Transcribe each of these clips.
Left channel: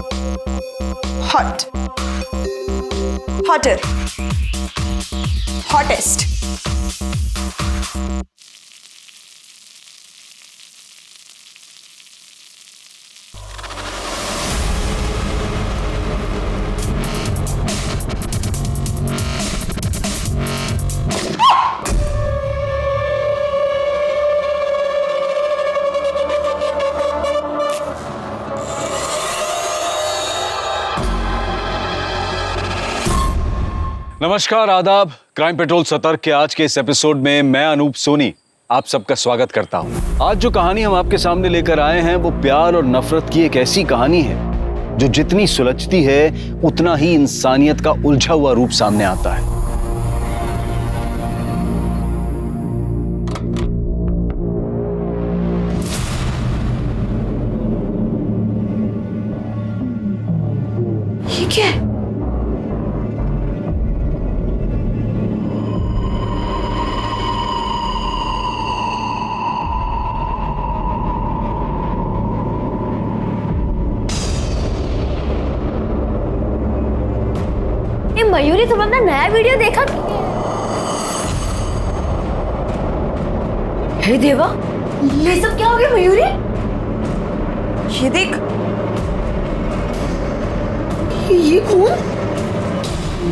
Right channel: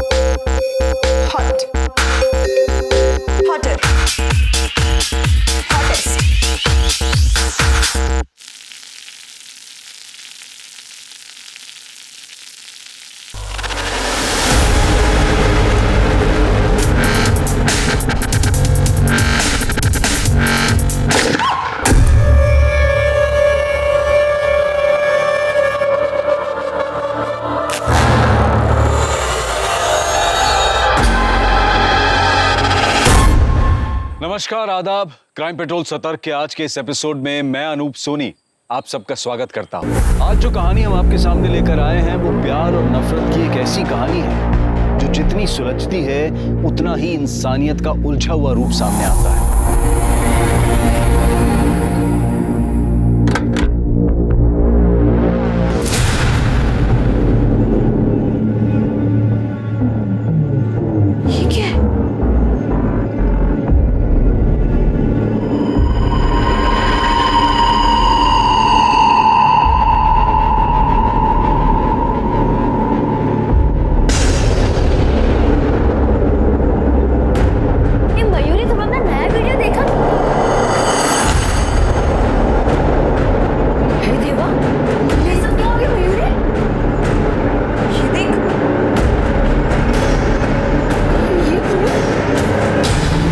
Hot, hotter, hottest. नमस्कार, आदाब। Crime petrol सतर्क के आज के इस एपिसोड में मैं अनूप सोनी आप सबका स्वागत करता हूं। आज जो कहानी हम आपके सामने लेकर आए हैं वो प्यार और नफरत की एक ऐसी कहानी है जो जितनी सुलझती है उतना ही इंसानियत का उलझा हुआ रूप सामने आता है। ये क्या है? मयूरी, तुम अपना नया वीडियो देखा? हे देवा, ये सब क्या हो गया मयूरी? ये देख, ये खून।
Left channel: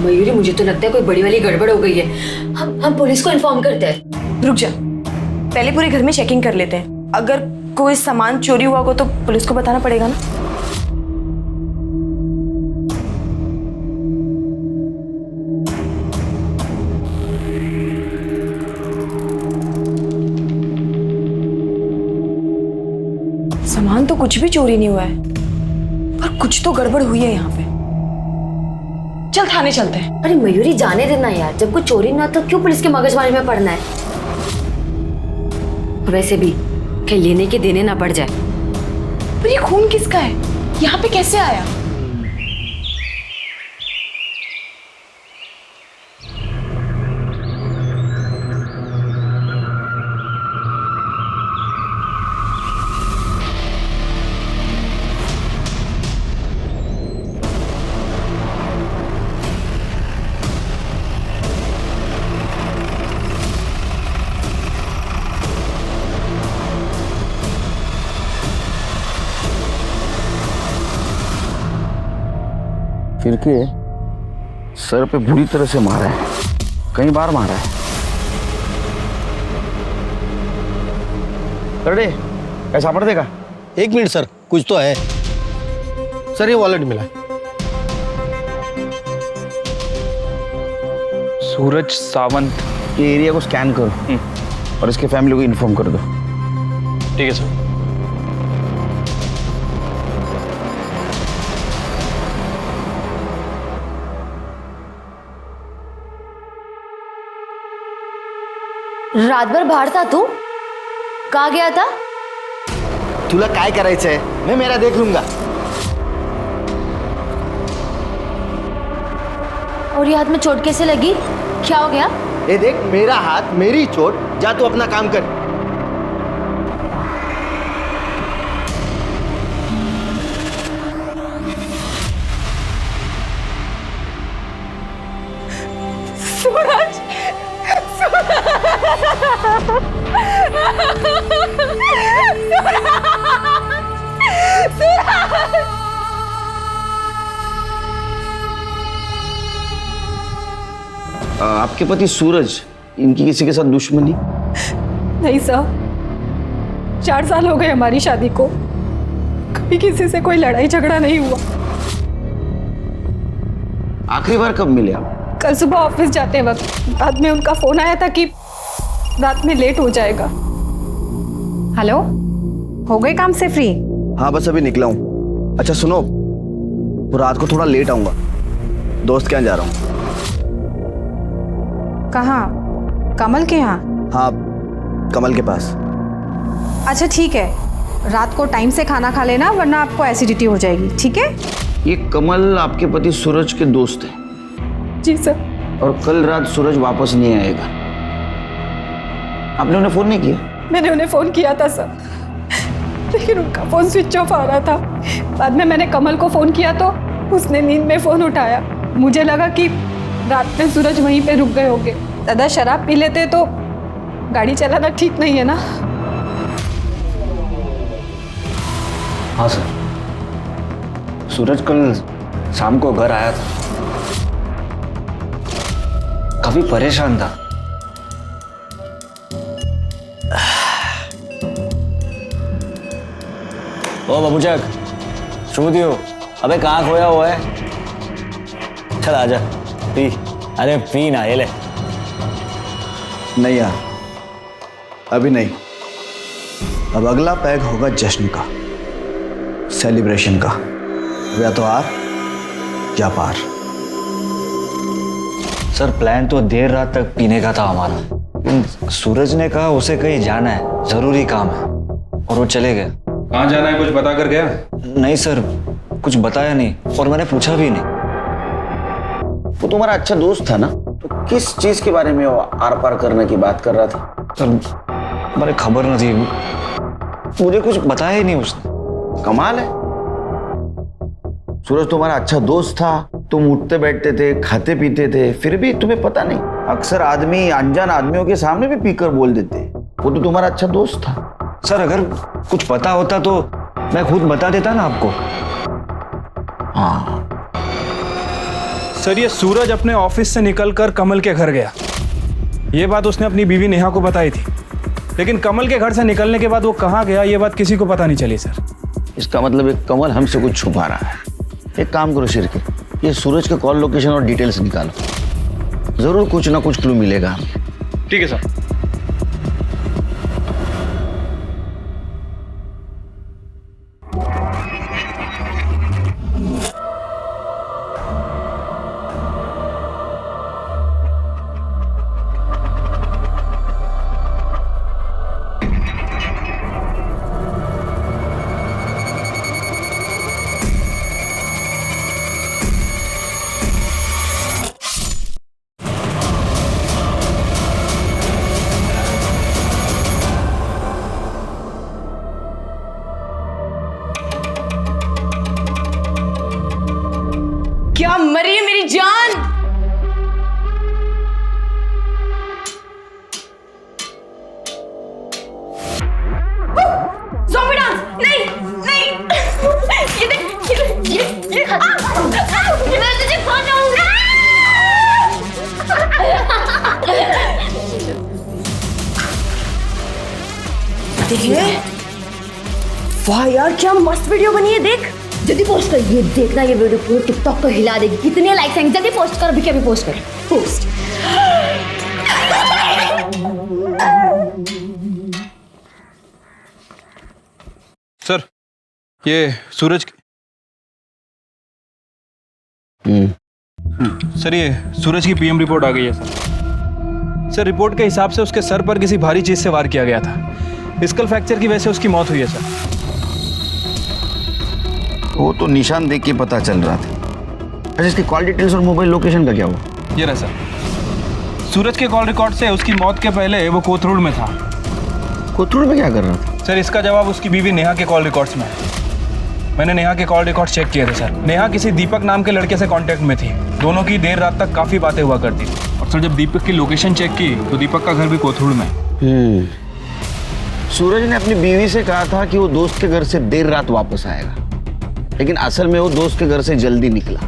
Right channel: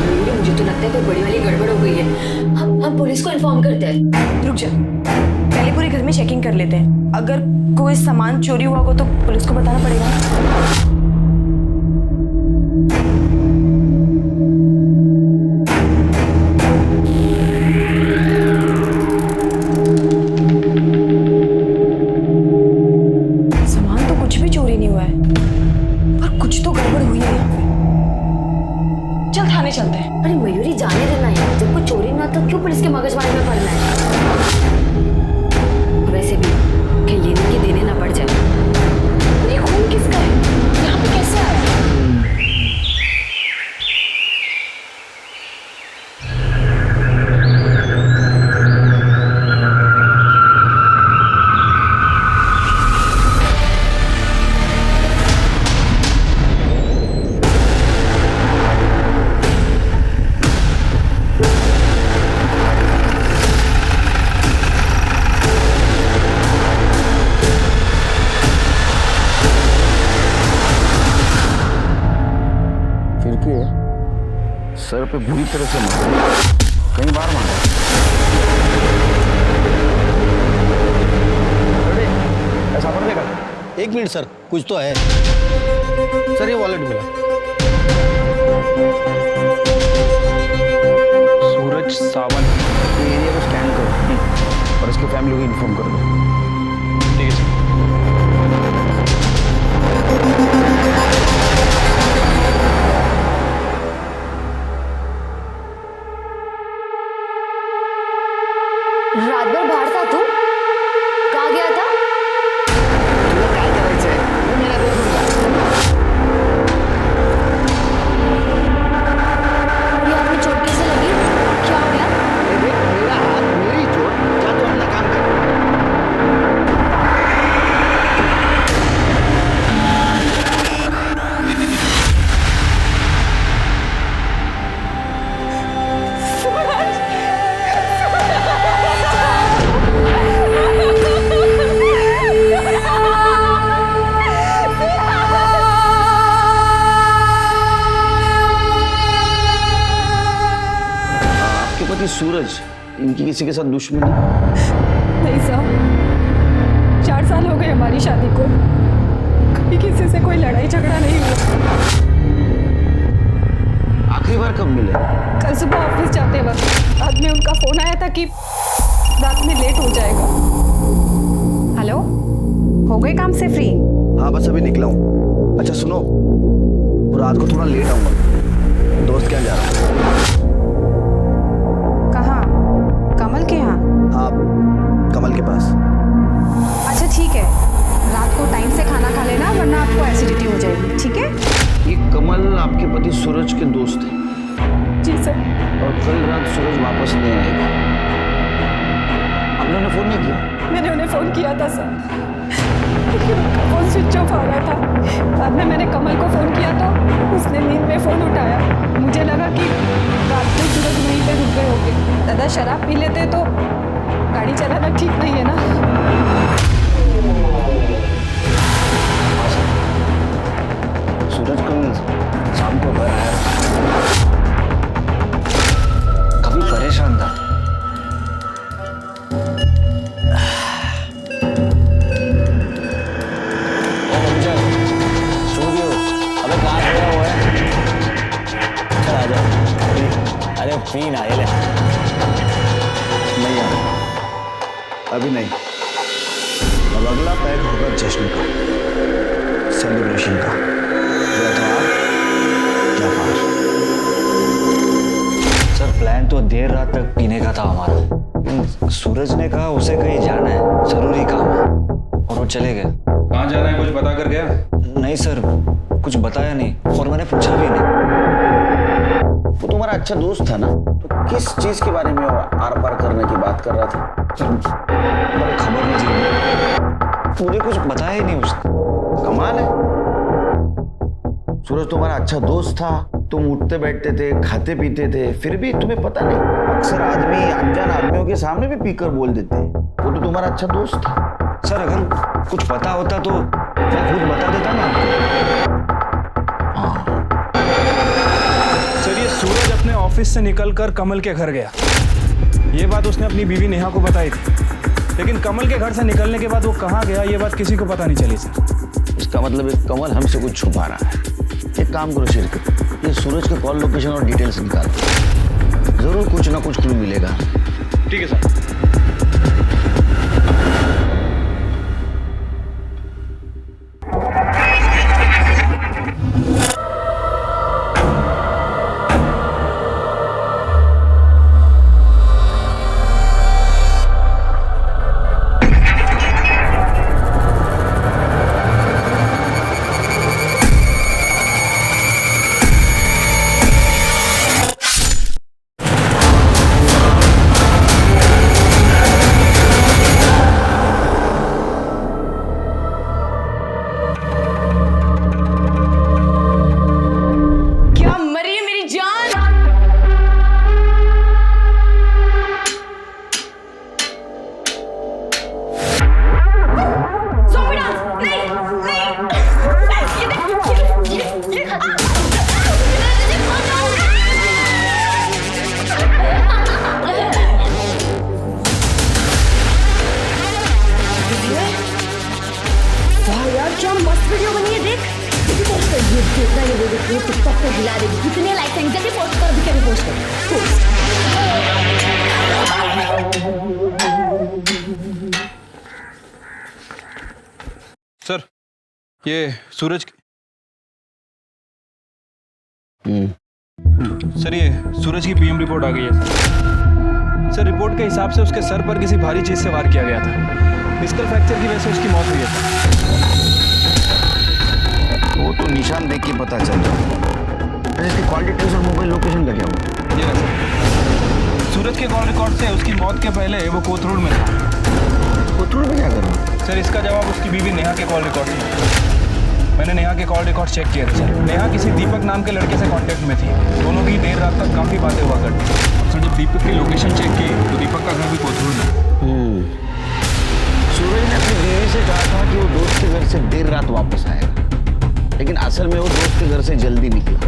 मयूरी, मुझे तो लगता है कोई बड़ी वाली गड़बड़ हो गई है। हम पुलिस को इन्फॉर्म करते हैं। रुक जा, पहले पूरे घर में चेकिंग कर लेते हैं। अगर कोई सामान चोरी हुआ हो तो पुलिस को बताना पड़ेगा ना। सामान तो कुछ भी चोरी नहीं हुआ है, पर कुछ तो गड़बड़ हुई है यहाँ पे। चल थाने चलते हैं। अरे मयूरी, जाने देना यार, जब कोई चोरी ना तो क्यों पुलिस के मगजमारी में पड़ना है? वैसे भी कहीं लेने के देने ना पड़ जाए। पर ये खून किसका है? यहाँ पे कैसे आया? फिर के सर पे बुरी तरह से मारा है, कई बार मारा है। अरे ऐसा पड़ देगा। एक मिनट सर, कुछ तो है सर। ये वॉलेट मिला। सूरज सावंत, ये एरिया को स्कैन करो और इसके फैमिली को इन्फॉर्म कर दो। ठीक है सर। रात भर बाहर था तू? कहाँ गया था? तुला काय करायचंय? मैं मेरा देख लूंगा। और ये हाथ में चोट कैसे लगी? क्या हो गया? ये देख, मेरा हाथ, मेरी चोट। जा तू अपना काम कर। सूरज, आपके पति सूरज, इनकी किसी के साथ दुश्मनी? नहीं साहब, 4 साल हो गए हमारी शादी को, कभी किसी से कोई लड़ाई झगड़ा नहीं हुआ। आखिरी बार कब मिले? कल सुबह ऑफिस जाते वक्त बाद में उनका फोन आया था कि रात में लेट हो जाएगा। हेलो, हो गए काम से फ्री? हाँ, बस अभी निकला हूँ। अच्छा सुनो, वो रात को थोड़ा लेट आऊंगा, दोस्त के यहाँ जा रहा हूँ। कहाँ? कमल के यहाँ? हाँ, कमल के पास। अच्छा ठीक है, रात को टाइम से खाना खा लेना वरना आपको एसिडिटी हो जाएगी, ठीक है? ये कमल आपके पति सूरज के दोस्त हैं। जी सर। और कल रात सूरज वापस नहीं आएगा। आपने उन्हें फोन नहीं किया? मैंने उन्हें फोन किया था सर, लेकिन उनका फोन स्विच ऑफ आ रहा था। बाद में मैंने कमल को फोन किया तो उसने नींद में फोन उठाया। मुझे लगा कि रात में सूरज वहीं पे रुक गए होंगे। दादा शराब पी लेते तो गाड़ी चलाना ठीक नहीं है ना। हाँ सर, सूरज कल शाम को घर आया था, काफी परेशान था। ओ बाबूचक, सो दियो। अबे कहाँ खोया हुआ है? चल आजा पी। अरे पी ना, ये ले। नहीं यार, अभी नहीं। अब अगला पैग होगा जश्न का, सेलिब्रेशन का। या तो आर या पार। सर प्लान तो देर रात तक पीने का था हमारा। सूरज ने कहा उसे कहीं जाना है, जरूरी काम है, और वो चले गए। कहाँ जाना है कुछ बता कर गया? नहीं सर, कुछ बताया नहीं और मैंने पूछा भी नहीं। वो तुम्हारा अच्छा दोस्त था ना, तो किस चीज के बारे में वो आर पार करने की बात कर रहा था? सर मुझे खबर नहीं थी, मुझे कुछ बताया ही नहीं उसने। कमाल है, सूरज तुम्हारा अच्छा दोस्त था, तुम उठते बैठते थे, खाते पीते थे, फिर भी तुम्हें पता नहीं। अक्सर आदमी अनजान आदमियों के सामने भी पीकर बोल देते हैं। वो तो तुम्हारा अच्छा दोस्त था। सर अगर कुछ पता होता तो मैं खुद बता देता ना आपको। हाँ सर, ये सूरज अपने ऑफिस से निकलकर कमल के घर गया। ये बात उसने अपनी बीवी नेहा को बताई थी, लेकिन कमल के घर से निकलने के बाद वो कहाँ गया ये बात किसी को पता नहीं चली सर। इसका मतलब एक कमल हमसे कुछ छुपा रहा है। एक काम करो शिरके, ये सूरज के कॉल लोकेशन और डिटेल्स निकालो, जरूर कुछ ना कुछ क्लू मिलेगा हमें। ठीक है सर। क्या मरी है मेरी जान? Zombie dance! नहीं, नहीं! ये देख, ये मैं तुझे खा जाऊंगा! वाह यार, क्या मस्त वीडियो बनी है, देख। जल्दी पोस्ट कर, ये देखना, ये वीडियो पूरे टिकटॉक को हिला देगी। कितने लाइक्स आएंगे? जल्दी पोस्ट कर, अभी के अभी पोस्ट कर। पोस्ट। सर ये सूरज सर, ये सूरज की पीएम रिपोर्ट आ गई है सर। सर रिपोर्ट के हिसाब से उसके सर पर किसी भारी चीज से वार किया गया था। स्कल फ्रैक्चर की वजह से उसकी मौत हुई है सर। वो तो निशान देख के पता चल रहा था। अच्छा, इसकी कॉल डिटेल्स और मोबाइल लोकेशन का क्या हुआ? ये रहा सर। सूरज के कॉल रिकॉर्ड से उसकी मौत के पहले वो कोथरूड में था। कोथरूड में क्या कर रहा था? सर इसका जवाब उसकी बीवी नेहा के कॉल रिकॉर्ड्स में है। मैंने नेहा के कॉल रिकॉर्ड चेक किए थे सर। नेहा किसी दीपक नाम के लड़के से कांटेक्ट में थी। दोनों की देर रात तक काफ़ी बातें हुआ करती थी। और सर जब दीपक की लोकेशन चेक की तो दीपक का घर भी कोथरूड में। सूरज ने अपनी बीवी से कहा था कि वो दोस्त के घर से देर रात वापस आएगा, लेकिन असल में वो दोस्त के घर से जल्दी निकला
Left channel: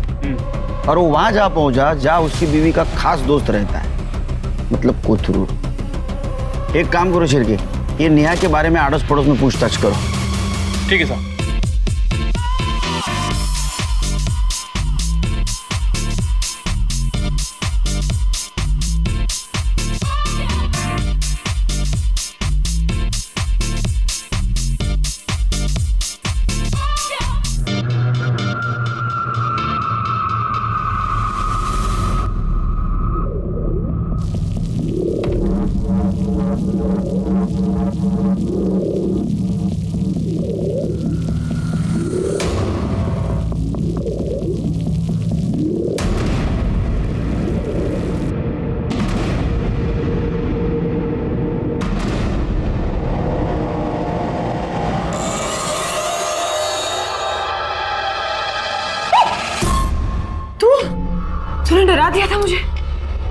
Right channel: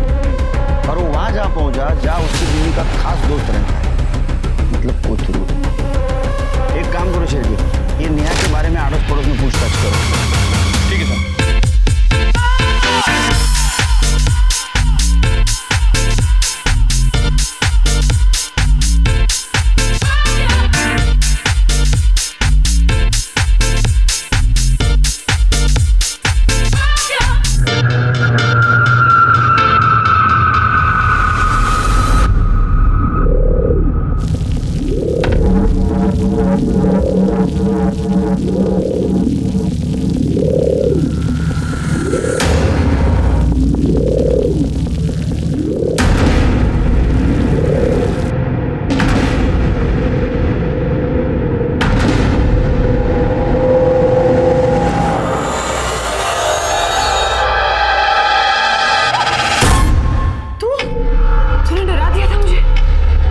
और वो वहां जा पहुंचा जहां उसकी बीवी का खास दोस्त रहता है, मतलब कोथरूड। एक काम करो शिरके, ये नेहा के बारे में आड़ोस पड़ोस में पूछताछ करो। ठीक है सर।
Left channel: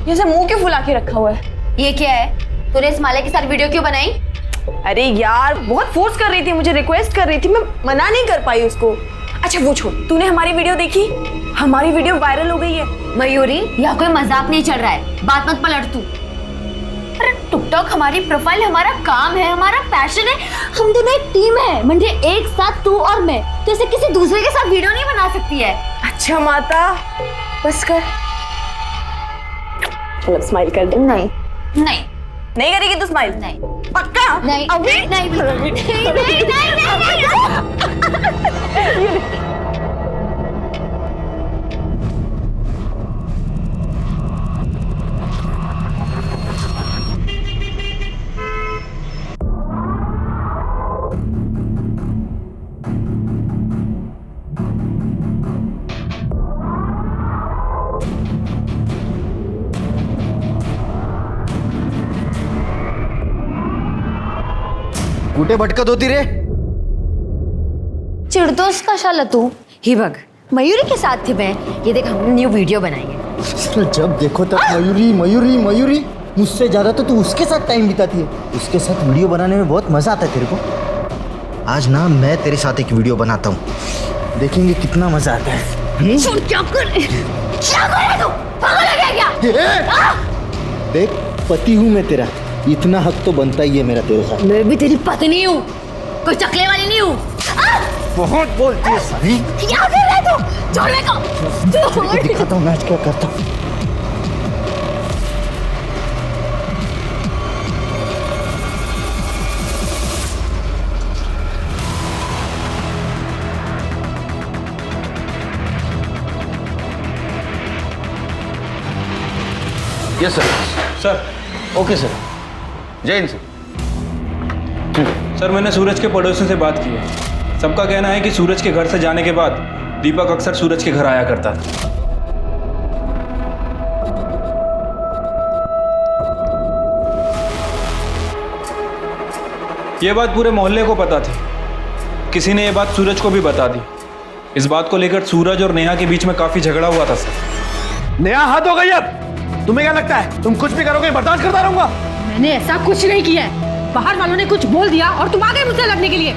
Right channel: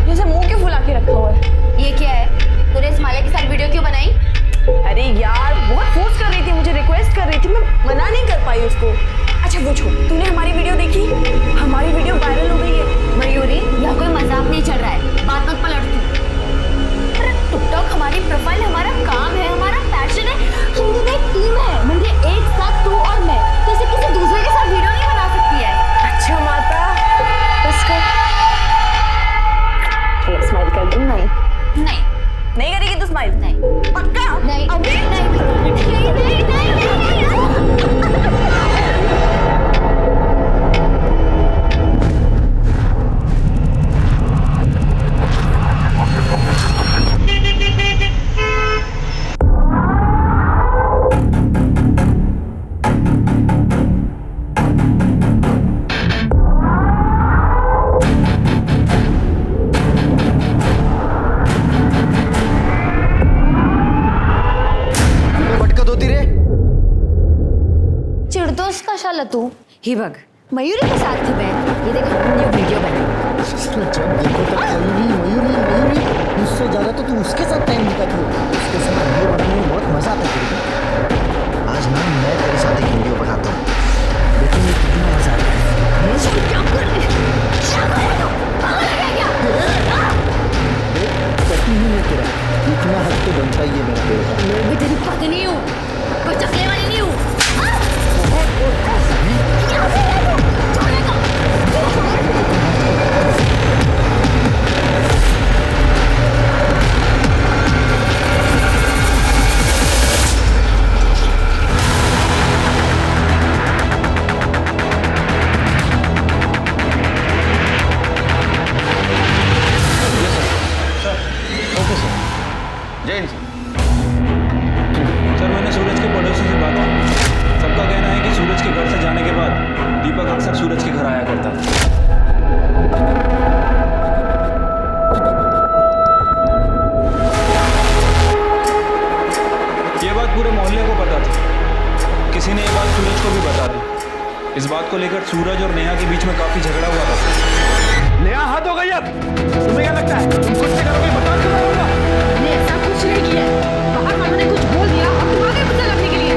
जैसे मुंह क्यों फुला के रखा हुआ है? ये क्या है? तूने इस माले के साथ वीडियो क्यों बनाई? अरे यार बहुत फोर्स कर रही थी, मुझे रिक्वेस्ट कर रही थी, मैं मना नहीं कर पाई उसको। अच्छा वो छोड़, तूने हमारी वीडियो देखी? हमारी वीडियो वायरल हो गई है। मयूरी, यह कोई मजाक नहीं चल रहा है, बात मत पलट तू। अरे टिकटॉक हमारी प्रोफाइल, हमारा काम है, हमारा पैशन है, हम दोनों एक टीम है। म्हणजे एक साथ तू और मैं, तो ऐसे किसी दूसरे के साथ वीडियो नहीं बना सकती है। अच्छा माता, बस कर। चलो स्माइल कर दो। नहीं नहीं नहीं करेगी तू स्माइल? नहीं पक्का? नहीं अभी नहीं नहीं नहीं कुठे भटकत होती रे? चिढ़तोस कशाला तू? ही बघ, मयूरी के साथ थी मैं। ये देख, हमने न्यू वीडियो बनाई है। जब देखो तब मयूरी मयूरी मयूरी। मुझसे ज्यादा तो तू उसके साथ टाइम बिताती है। उसके साथ वीडियो बनाने में बहुत मजा आता है तेरे को। आज ना मैं तेरे साथ एक वीडियो बनाता हूँ, देखेंगे कितना मजा आता है। सुन, क्या कर रहे तू? पागल है क्या? देख, पति हूँ मैं तेरा, इतना हक तो बनता ही है मेरा तेरे साथ। मैं भी तेरी पत्नी हूँ, कोई चकले वाली नहीं हूँ। बहुत बोलती है सभी। क्या कर रहा है तू? छोड़ने को। Yes sir. Sir. Okay sir. जय हिंद सर। सर, मैंने सूरज के पड़ोसियों से बात की है। सबका कहना है कि सूरज के घर से जाने के बाद दीपक अक्सर सूरज के घर आया करता था। ये बात पूरे मोहल्ले को पता थी। किसी ने ये बात सूरज को भी बता दी। इस बात को लेकर सूरज और नेहा के बीच में काफी झगड़ा हुआ था सर। नेहा, हद हो गई अब। तुम्हें क्या लगता है तुम कुछ भी करोगे, बर्दाश्त करता रहूंगा? मैंने ऐसा कुछ नहीं किया है। बाहर वालों ने कुछ बोल दिया और तुम आ गए मुझसे लड़ने के लिए।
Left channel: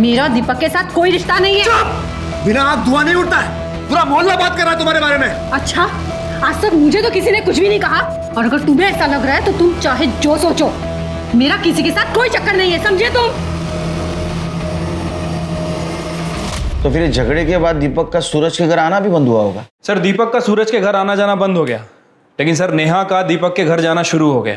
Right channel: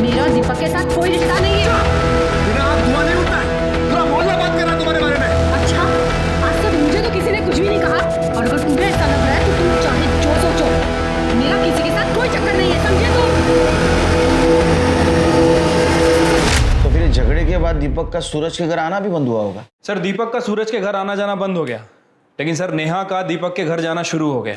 मेरा दीपक के साथ कोई रिश्ता नहीं है। बिना आग धुआं नहीं उठता है। पूरा मोहल्ला बात कर रहा है तुम्हारे बारे में। अच्छा, आज तक मुझे तो किसी ने कुछ भी नहीं कहा, और अगर तुम्हें ऐसा लग रहा है तो तुम चाहे जो सोचो, मेरा किसी के साथ कोई चक्कर नहीं है, समझे तुम? तो फिर इस झगड़े के बाद दीपक का सूरज के घर आना भी बंद हुआ होगा? सर, दीपक का सूरज के घर आना जाना बंद हो गया, लेकिन सर नेहा का दीपक के घर जाना शुरू हो गया।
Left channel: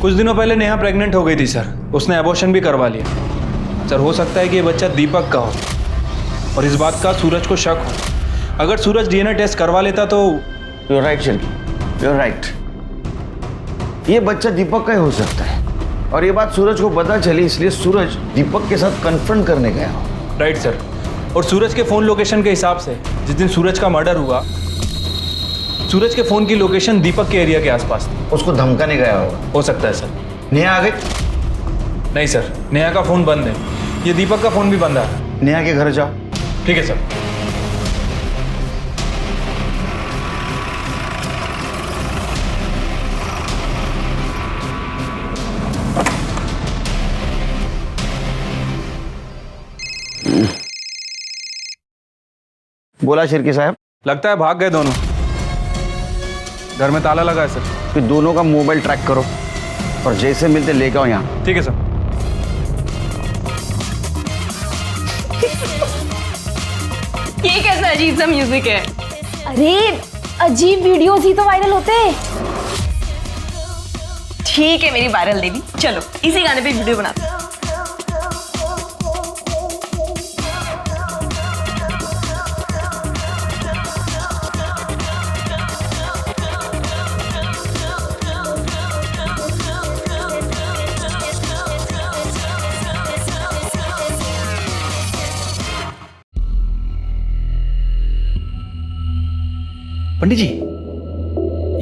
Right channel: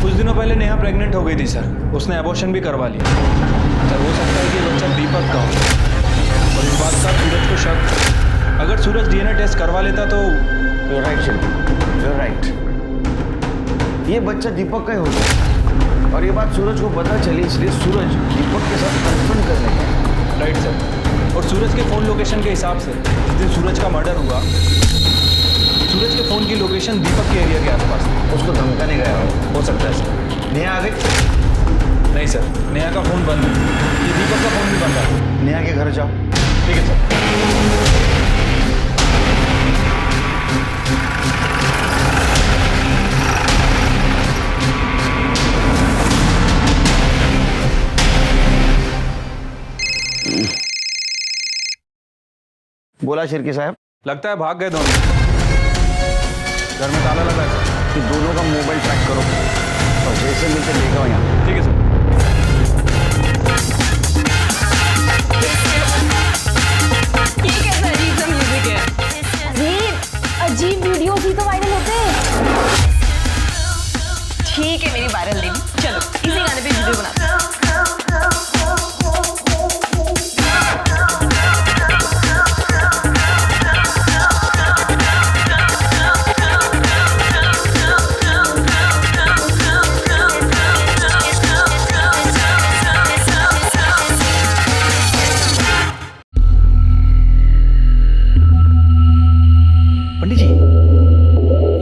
कुछ दिनों पहले नेहा प्रेग्नेंट हो गई थी सर। उसने एबॉर्शन भी करवा लिया। सर, हो सकता है कि ये बच्चा दीपक का हो, और इस बात का सूरज को शक हो। अगर सूरज डीएनए टेस्ट करवा लेता तो। You right Shilpi, you right. ये बच्चा दीपक का ही हो सकता है, और ये बात सूरज को पता चली, इसलिए सूरज दीपक के साथ कन्फ्रंट करने गया। Right sir. और सूरज के फ़ोन लोकेशन के हिसाब से जिस दिन सूरज का मर्डर हुआ, सूरज के फ़ोन की लोकेशन दीपक के एरिया के आसपास थी। उसको धमकाने गया हो सकता है सर। नेहा आ गई? नहीं सर, नेहा का फ़ोन बंद है। ये दीपक का फ़ोन भी बंद है। नेहा के घर जाओ। ठीक है सर। बोला शिर्की साहब। लगता है भाग गए दोनों। घर में ताला लगा है सर। कि दोनों का मोबाइल ट्रैक करो और जैसे मिलते लेके आओ यहाँ। ठीक है सर। ये कैसा अजीब सा म्यूजिक है? अरे अजीब वीडियोस ही तो वायरल होते हैं। ठीक है मेरी वायरल देवी, चलो इसी गाने पे वीडियो बनाते हैं। पंडित जी,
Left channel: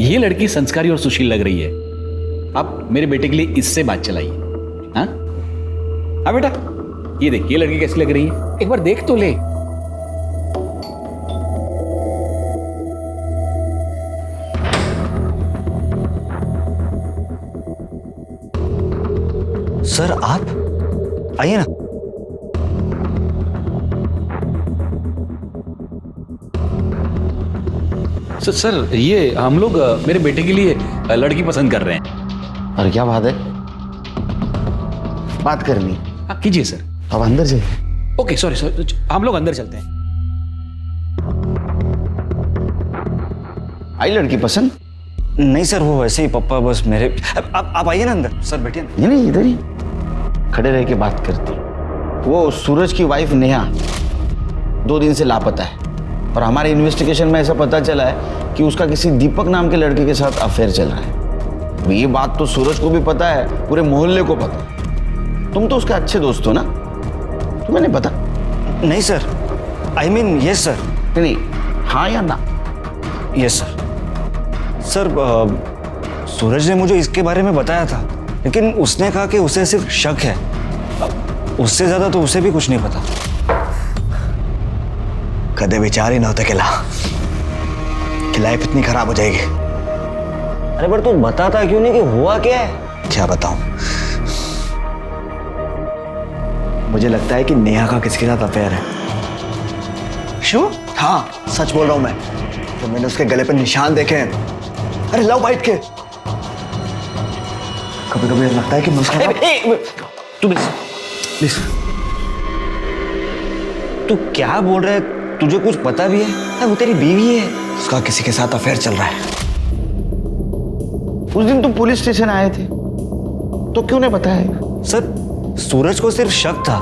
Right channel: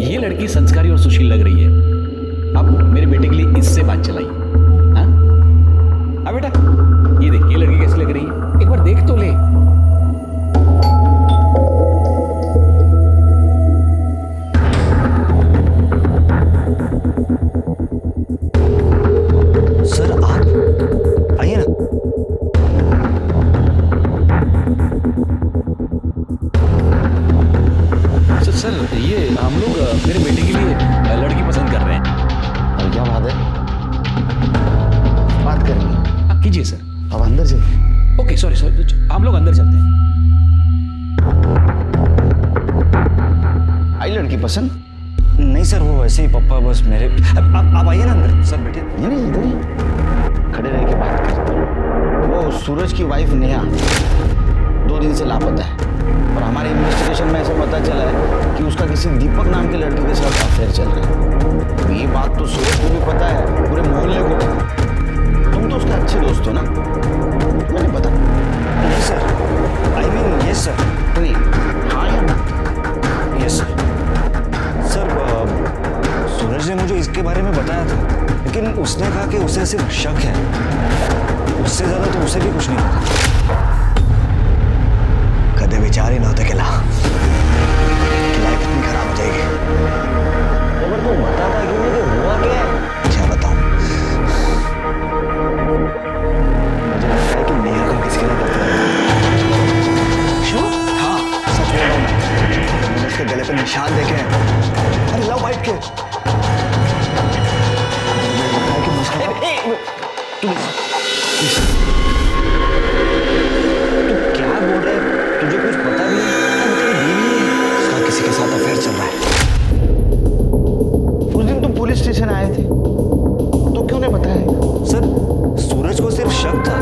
ये लड़की संस्कारी और सुशील लग रही है। आप मेरे बेटे के लिए इससे बात चलाइए। हाँ हाँ बेटा, ये देख ये लड़की कैसी लग रही है, एक बार देख तो ले। सर आप आइए ना। सर ये हम लोग मेरे बेटे के लिए लड़की पसंद कर रहे हैं। और क्या बात है, बात करनी? हाँ कीजिए सर। अब अंदर जाइए। ओके सॉरी, हम लोग अंदर चलते हैं। आई लड़की पसंद? नहीं सर, वो वैसे ही पप्पा बस मेरे। आप आइए ना अंदर। सर बैठिए। नहीं इधर ही खड़े रह के बात करते हैं। वो सूरज की वाइफ नेहा 2 दिन से लापता है और हमारे इन्वेस्टिगेशन में ऐसा पता चला है कि उसका किसी दीपक नाम के लड़के के साथ अफेयर चल रहा है। ये बात तो सूरज को भी पता है, पूरे मोहल्ले को पता है। तुम तो उसके अच्छे दोस्त हो ना, तुम्हें नहीं पता? नहीं sir, I mean yes sir. नहीं, हाँ या ना? Yes sir. सर सूरज ने मुझे इसके बारे में बताया था, लेकिन उसने कहा कि उसे सिर्फ शक है, उससे ज्यादा तो उसे भी कुछ नहीं पता। कदे विचार ही ना होता कि लाइफ इतनी खराब हो जाएगी। अरे पर तू बताता क्यों नहीं कि हुआ क्या है? क्या बताऊं? मुझे लगता है कि नेहा का किसके साथ अफेयर है। श्योर? हाँ सच बोल रहा हूं मैं। जब मैंने उसके गले पर निशान देखे हैं, अरे लव बाइट के, कभी कभी लगता है कि तू प्लीज, तू क्या बोल रहा है? तुझे कुछ पता भी है? वो तेरी बीवी है, उसका किसी के साथ अफेयर चल रहा है। उस दिन तुम पुलिस स्टेशन आए थे तो क्यों नहीं बताया? सर सूरज को सिर्फ शक था,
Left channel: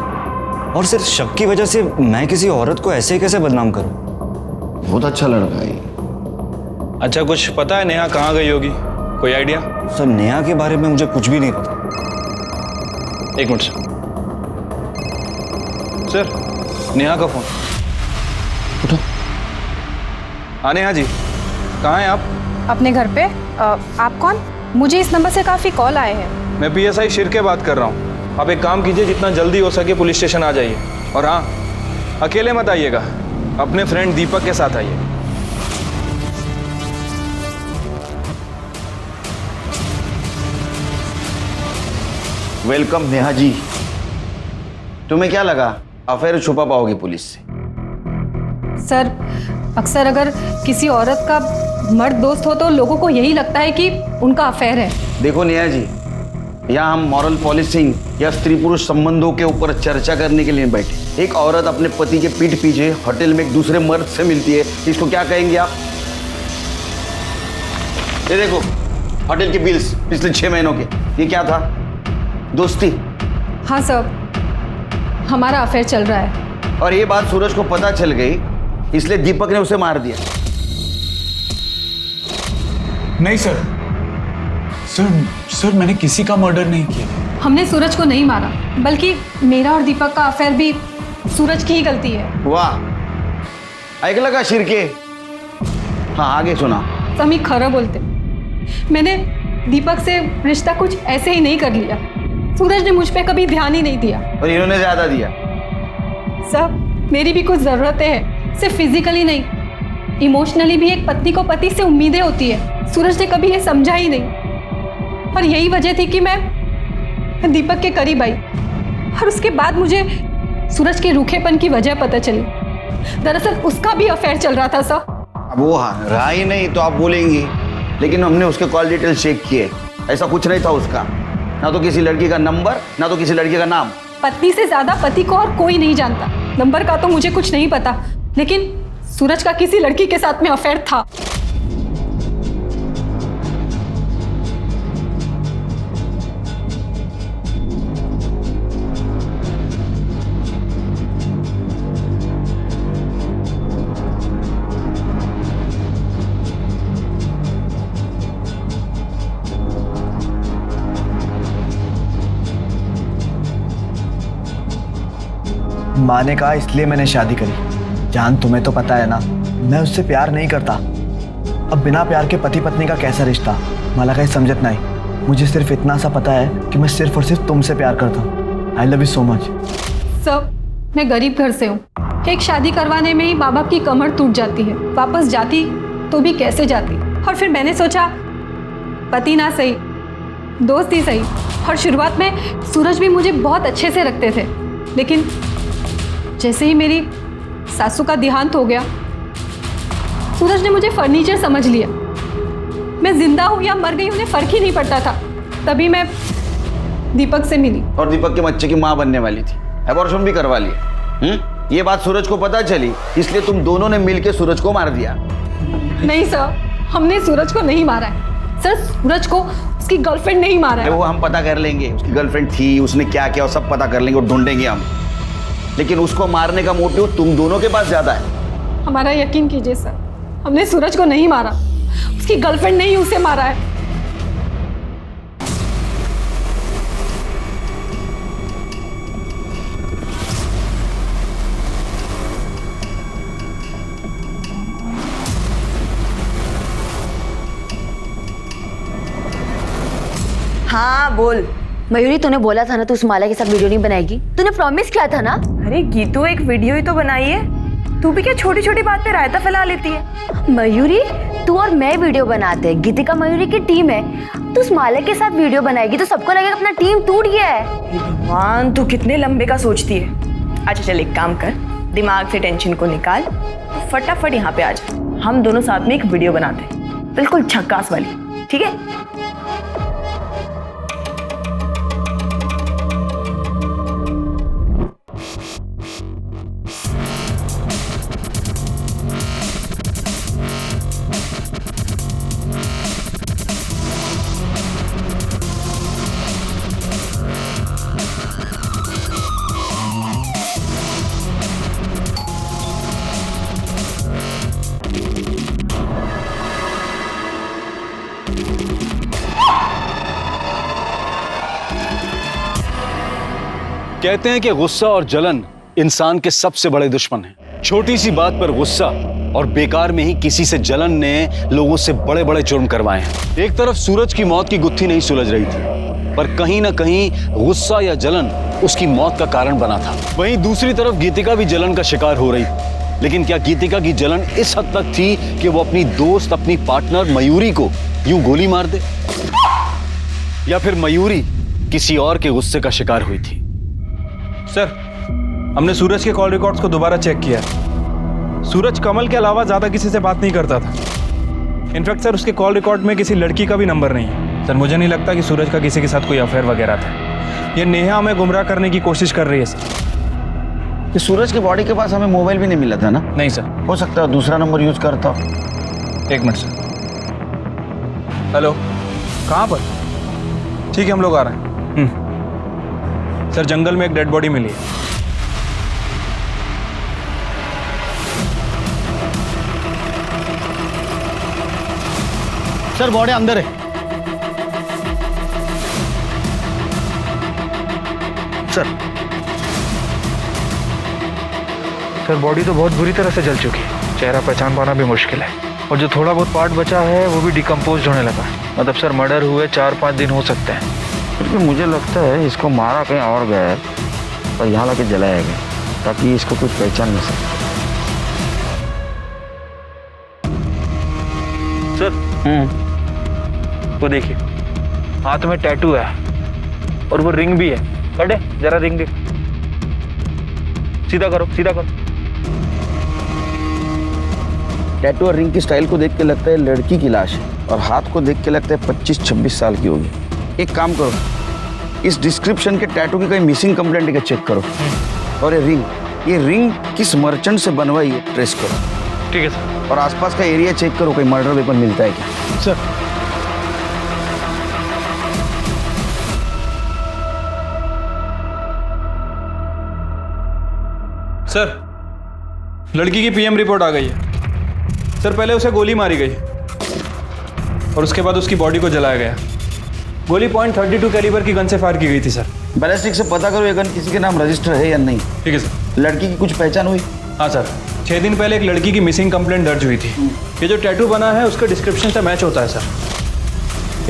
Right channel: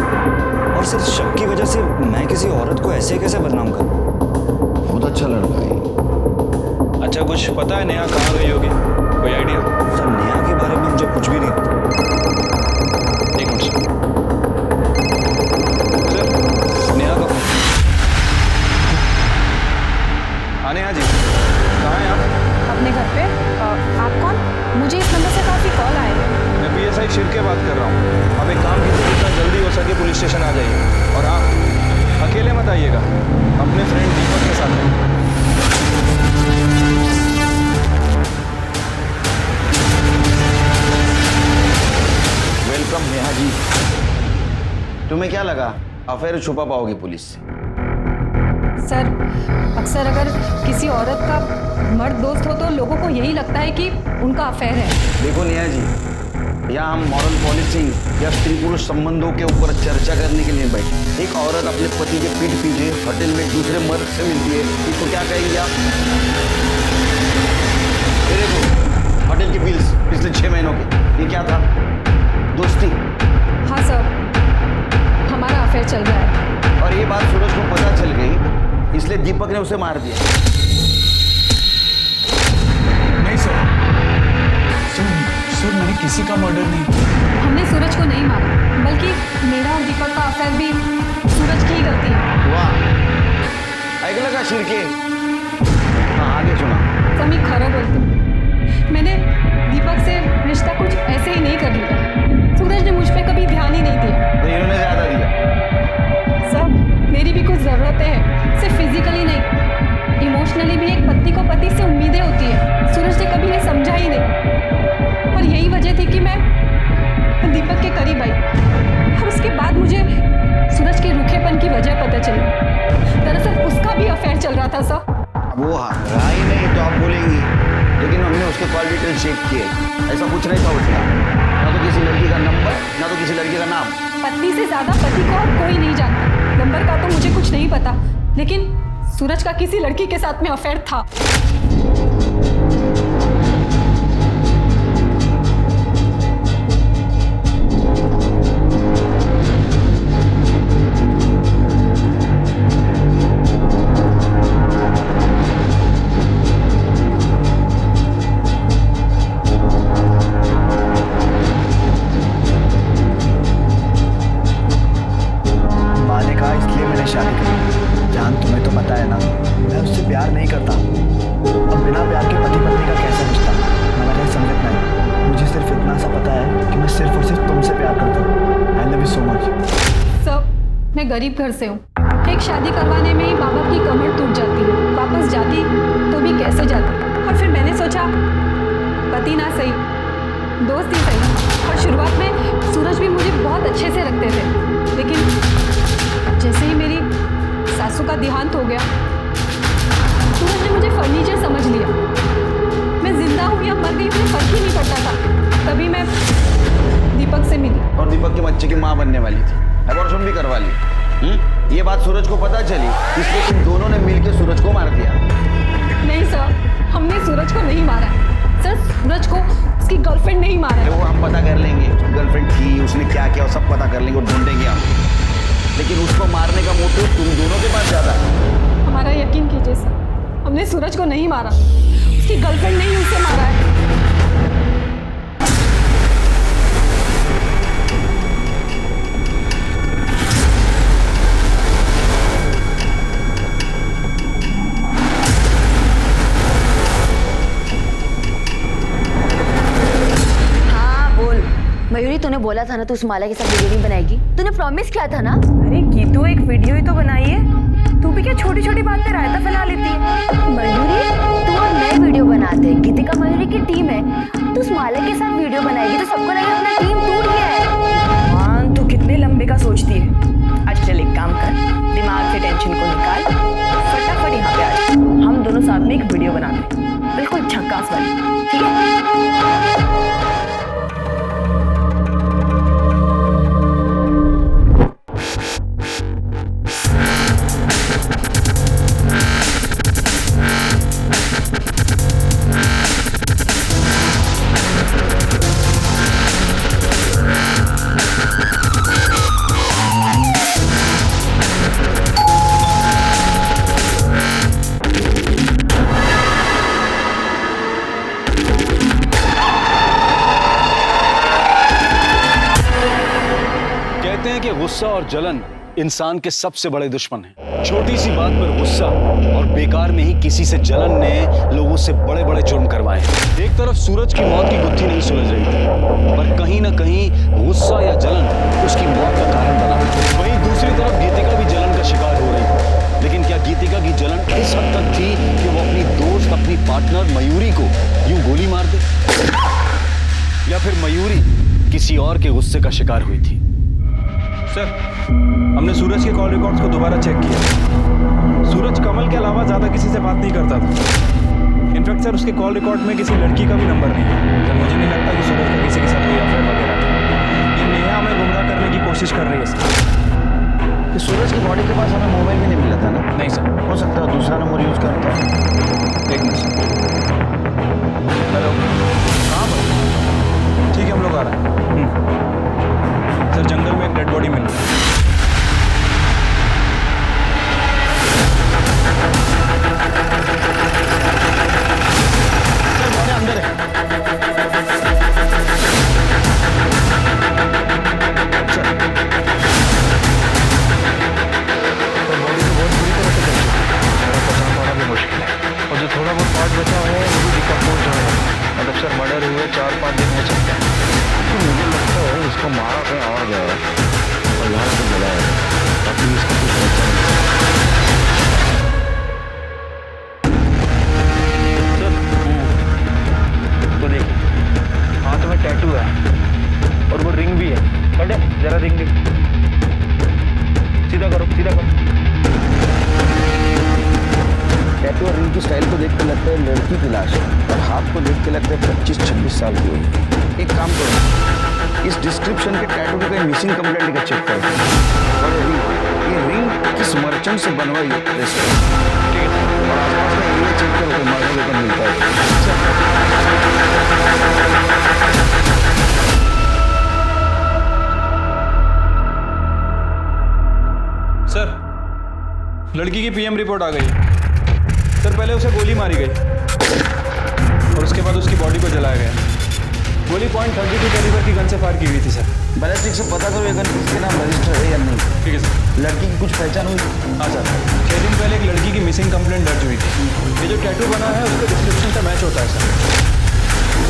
और सिर्फ शक की वजह से मैं किसी औरत को ऐसे कैसे बदनाम करूं? बहुत अच्छा लड़का है। अच्छा कुछ पता है नेहा कहाँ गई होगी? कोई आइडिया? सर नेहा के बारे में मुझे कुछ भी नहीं पता। एक मिनट सर, नेहा का फोन। हाँ नेहा जी, कहाँ हैं आप? अपने घर पे। आप कौन? मुझे इस नंबर से काफ़ी कॉल आए हैं। मैं PSI शिरके बात कर रहा हूँ। आप एक काम कीजिए, जितना जल्दी हो सके पुलिस स्टेशन आ जाइए। और हाँ, अकेले मत आइएगा, अपने फ्रेंड दीपक के साथ आइए। वेलकम नेहा जी। तुम्हें क्या लगा अफेयर छुपा पाओगे पुलिस से? सर अक्सर अगर किसी औरत का मर्द दोस्त हो तो लोगों को यही लगता है कि उनका अफेयर है। देखो नेहा जी, यहाँ हम मॉरल पॉलिसिंग या स्त्री पुरुष संबंधों के ऊपर चर्चा करने के लिए बैठे। एक औरत अपने पति के पीठ पीछे होटल में एक दूसरे मर्द से मिलती है, इसको क्या कहेंगे आप? ये देखो होटल के बिल्स पिछले 6 महीनों के, ये क्या था? दोस्ती। हाँ सर, हमारा अफेयर चल रहा है। और ये बात सूरज को पता चल गई, इसलिए दीपक ने उसे मार दिया। नहीं सर, सर मैंने किसी का मर्डर नहीं किया। हमने सूरज को नहीं मारा, बल्कि मेरा और दीपक का अफेयर भी सूरज की ही गलती है। वाह, ऐकलं का शिरके? हाँ आगे सुना। तो हम ही खरा बोलते। मैंने दीपक से रिश्ता कुछ ऐसे ही नहीं कर लिया। सूरज ने मुझ पे कभी ध्यान ही नहीं दिया। और इन्होंने ज्यादा दिया। सब मेरी भी कुछ ज़रूरतें हैं, सिर्फ फिजिकली नहीं, इमोशनली भी एक पत्नी को पति से उम्मीदें होती है। सूरज ने कभी ये समझा ही नहीं, और यही वजह थी कि मैं दीपक के करीब आई। और उसके बाद मुझे सूरज के रूखेपन की वजह पता चली। दरअसल उसका भी अफेयर चल रहा था सर। वो रहा ही नहीं तो आप बोलेंगी, लेकिन हमने उसके कॉल डिटेल चेक किए, ऐसा कुछ नहीं था उसका। ना तो किसी लड़की का नंबर, ना तो किसी लड़की का नाम। पत्नी से ज्यादा पति को और कोई नहीं जानता। नंबर का तो मुझे कुछ नहीं पता, लेकिन सूरज का किसी लड़की के साथ में अफेयर था। माँ ने कहा इसलिए मैंने शादी करी। जान तुम्हें तो पता है ना, मैं उससे प्यार नहीं करता। अब बिना प्यार के पति पत्नी का कैसा रिश्ता, मला काही समजत नाही। मुझे सिर्फ इतना सा पता है कि मैं सिर्फ और सिर्फ तुमसे प्यार करता हूँ। I love you so much. Sir, मैं गरीब घर से हूँ। एक शादी करवाने में ही माँ बाप की कमर टूट जाती है, वापस जाती तो भी कैसे जाती। और फिर मैंने सोचा पति ना सही, दोस्त ही सही। और शुरुआत में सूरज भी मुझे बहुत अच्छे से रखते थे, लेकिन जैसे ही मेरी सासू का देहांत हो गया, सूरज ने मुझे फर्नीचर समझ लिया। मैं जिंदा हूँ या मर गई मुझे फर्क ही नहीं पड़ता था। तभी मैं दीपक से मिली। और दीपक के बच्चे की माँ बनने वाली थी, अबॉर्शन भी करवा लिया। ये बात सूरज को पता चली, इसलिए तुम दोनों ने मिलकर सूरज को मार दिया। नहीं सर, हमने सूरज को नहीं मारा है। सर, सूरज को उसकी गर्लफ्रेंड नहीं मारा है। वो हम पता कर लेंगे, उसकी गर्लफ्रेंड थी, उसने क्या किया वो सब पता कर लेंगे और ढूंढेंगे हम। लेकिन उसको मारने का मोटिव तुम दोनों के पास ज्यादा है। हमारा यकीन कीजिए सर, हमने सूरज को नहीं मारा, उसकी गर्लफ्रेंड ने ही उसे मारा है। हाँ बोल। मयूरी, तूने बोला था ना तू उस माला के साथ वीडियो नहीं बनाएगी। तूने प्रॉमिस किया था ना। अरे गीतू, एक वीडियो ही तो बनाई है, तू भी क्या छोटी छोटी बात पे रायता फैला लेती है। मयूरी, तू और मैं वीडियो बनाते हैं, गीतिका मयूरी की टीम है। तू उस माला के साथ वीडियो बनाएगी तो सबको लगेगा अपना टीम टूट गया है। भगवान, तू कितने लंबे का सोचती है। अच्छा चल, एक काम कर, दिमाग से टेंशन को निकाल, फटाफट यहाँ पे आ जा। हम दोनों साथ में एक वीडियो बनाते हैं, बिल्कुल झक्कास वाली, ठीक है? कहते हैं कि गुस्सा और जलन इंसान के सबसे बड़े दुश्मन हैं। छोटी सी बात पर गुस्सा और बेकार में ही किसी से जलन ने लोगों से बड़े बड़े जुर्म करवाए हैं। एक तरफ सूरज की मौत की गुत्थी नहीं सुलझ रही थी, पर कहीं ना कहीं गुस्सा या जलन उसकी मौत का कारण बना था। वहीं दूसरी तरफ गीतिका भी जलन का शिकार हो रही थी। लेकिन क्या गीतिका की जलन इस हद तक थी कि वो अपनी दोस्त, अपनी पार्टनर मयूरी को यूं गोली मार दे, या फिर मयूरी किसी और के गुस्से का शिकार हुई थी? सर, हमने सूरज के कॉल रिकॉर्ड्स को दोबारा चेक किया। सूरज कमल के अलावा ज़्यादा किसी से बात नहीं करता था। इनफैक्ट सर, उसके कॉल रिकॉर्ड में किसी लड़की का भी नंबर नहीं है। सर, मुझे नहीं लगता कि सूरज का किसी के साथ कोई अफेयर वगैरह था। ये नेहा हमें गुमराह करने की कोशिश कर रही है सर। कि सूरज की बॉडी के पास हमें मोबाइल भी नहीं मिला था ना? नहीं सर। हो सकता है दूसरा नंबर यूज करता। एक मिनट सर। हेलो, कहाँ पर? ठीक है, हम लोग आ रहे हैं। सर, जंगल में एक डेड बॉडी मिली। सर, बॉडी अंदर है। सर, बॉडी तो बहुत बुरी तरह से जल चुकी है। चेहरा पहचान पाना भी मुश्किल है, और जो थोड़ा बहुत पार्ट बचा है वो भी डिकम्पोज होने लगा। मतलब सर, मर्डर हुए 4-5 दिन हो सकते हैं। क्योंकि मुझे लगता है इसको मारा कहीं और गया है और यहाँ लाके जलाया गया, ताकि इसको कुछ पहचान नहीं सके। सर, वो देखिए, हाथ में टैटू है और वो रिंग भी है। कटे, जरा रिंग देख। सीधा करो, सीधा करो। टैटू और रिंग की स्टाइल को देख के लगता है लड़की की लाश है, और हाथ को देख के लगता है 25-26 साल की होगी। एक काम करो, इस डिस्क्रिप्शन के टैटू की कहीं मिसिंग कंप्लेंट का चेक करो, और ये रिंग किस मर्चेंट से बनवाई है ट्रेस करो। ठीक है सर। और आसपास का एरिया चेक करो, कोई मर्डर वेपन मिलता है सर। सर, लड़की की पीएम रिपोर्ट आ गई है। सर, पहले उसे गोली मारी गई और उसके बाद उसकी बॉडी को जलाया गया। गोली .32 कैलिबर की गन से फायर की गई थी सर। बैलिस्टिक से पता करो ये गन किसी के नाम रजिस्टर है या नहीं। ठीक है सर। लड़की की कुछ पहचान हुई? हाँ सर, 6 दिन पहले एक लड़की की मिसिंग कंप्लेंट दर्ज हुई थी। ये जो टैटू बना है उसका डिस्क्रिप्शन से मैच होता है सर।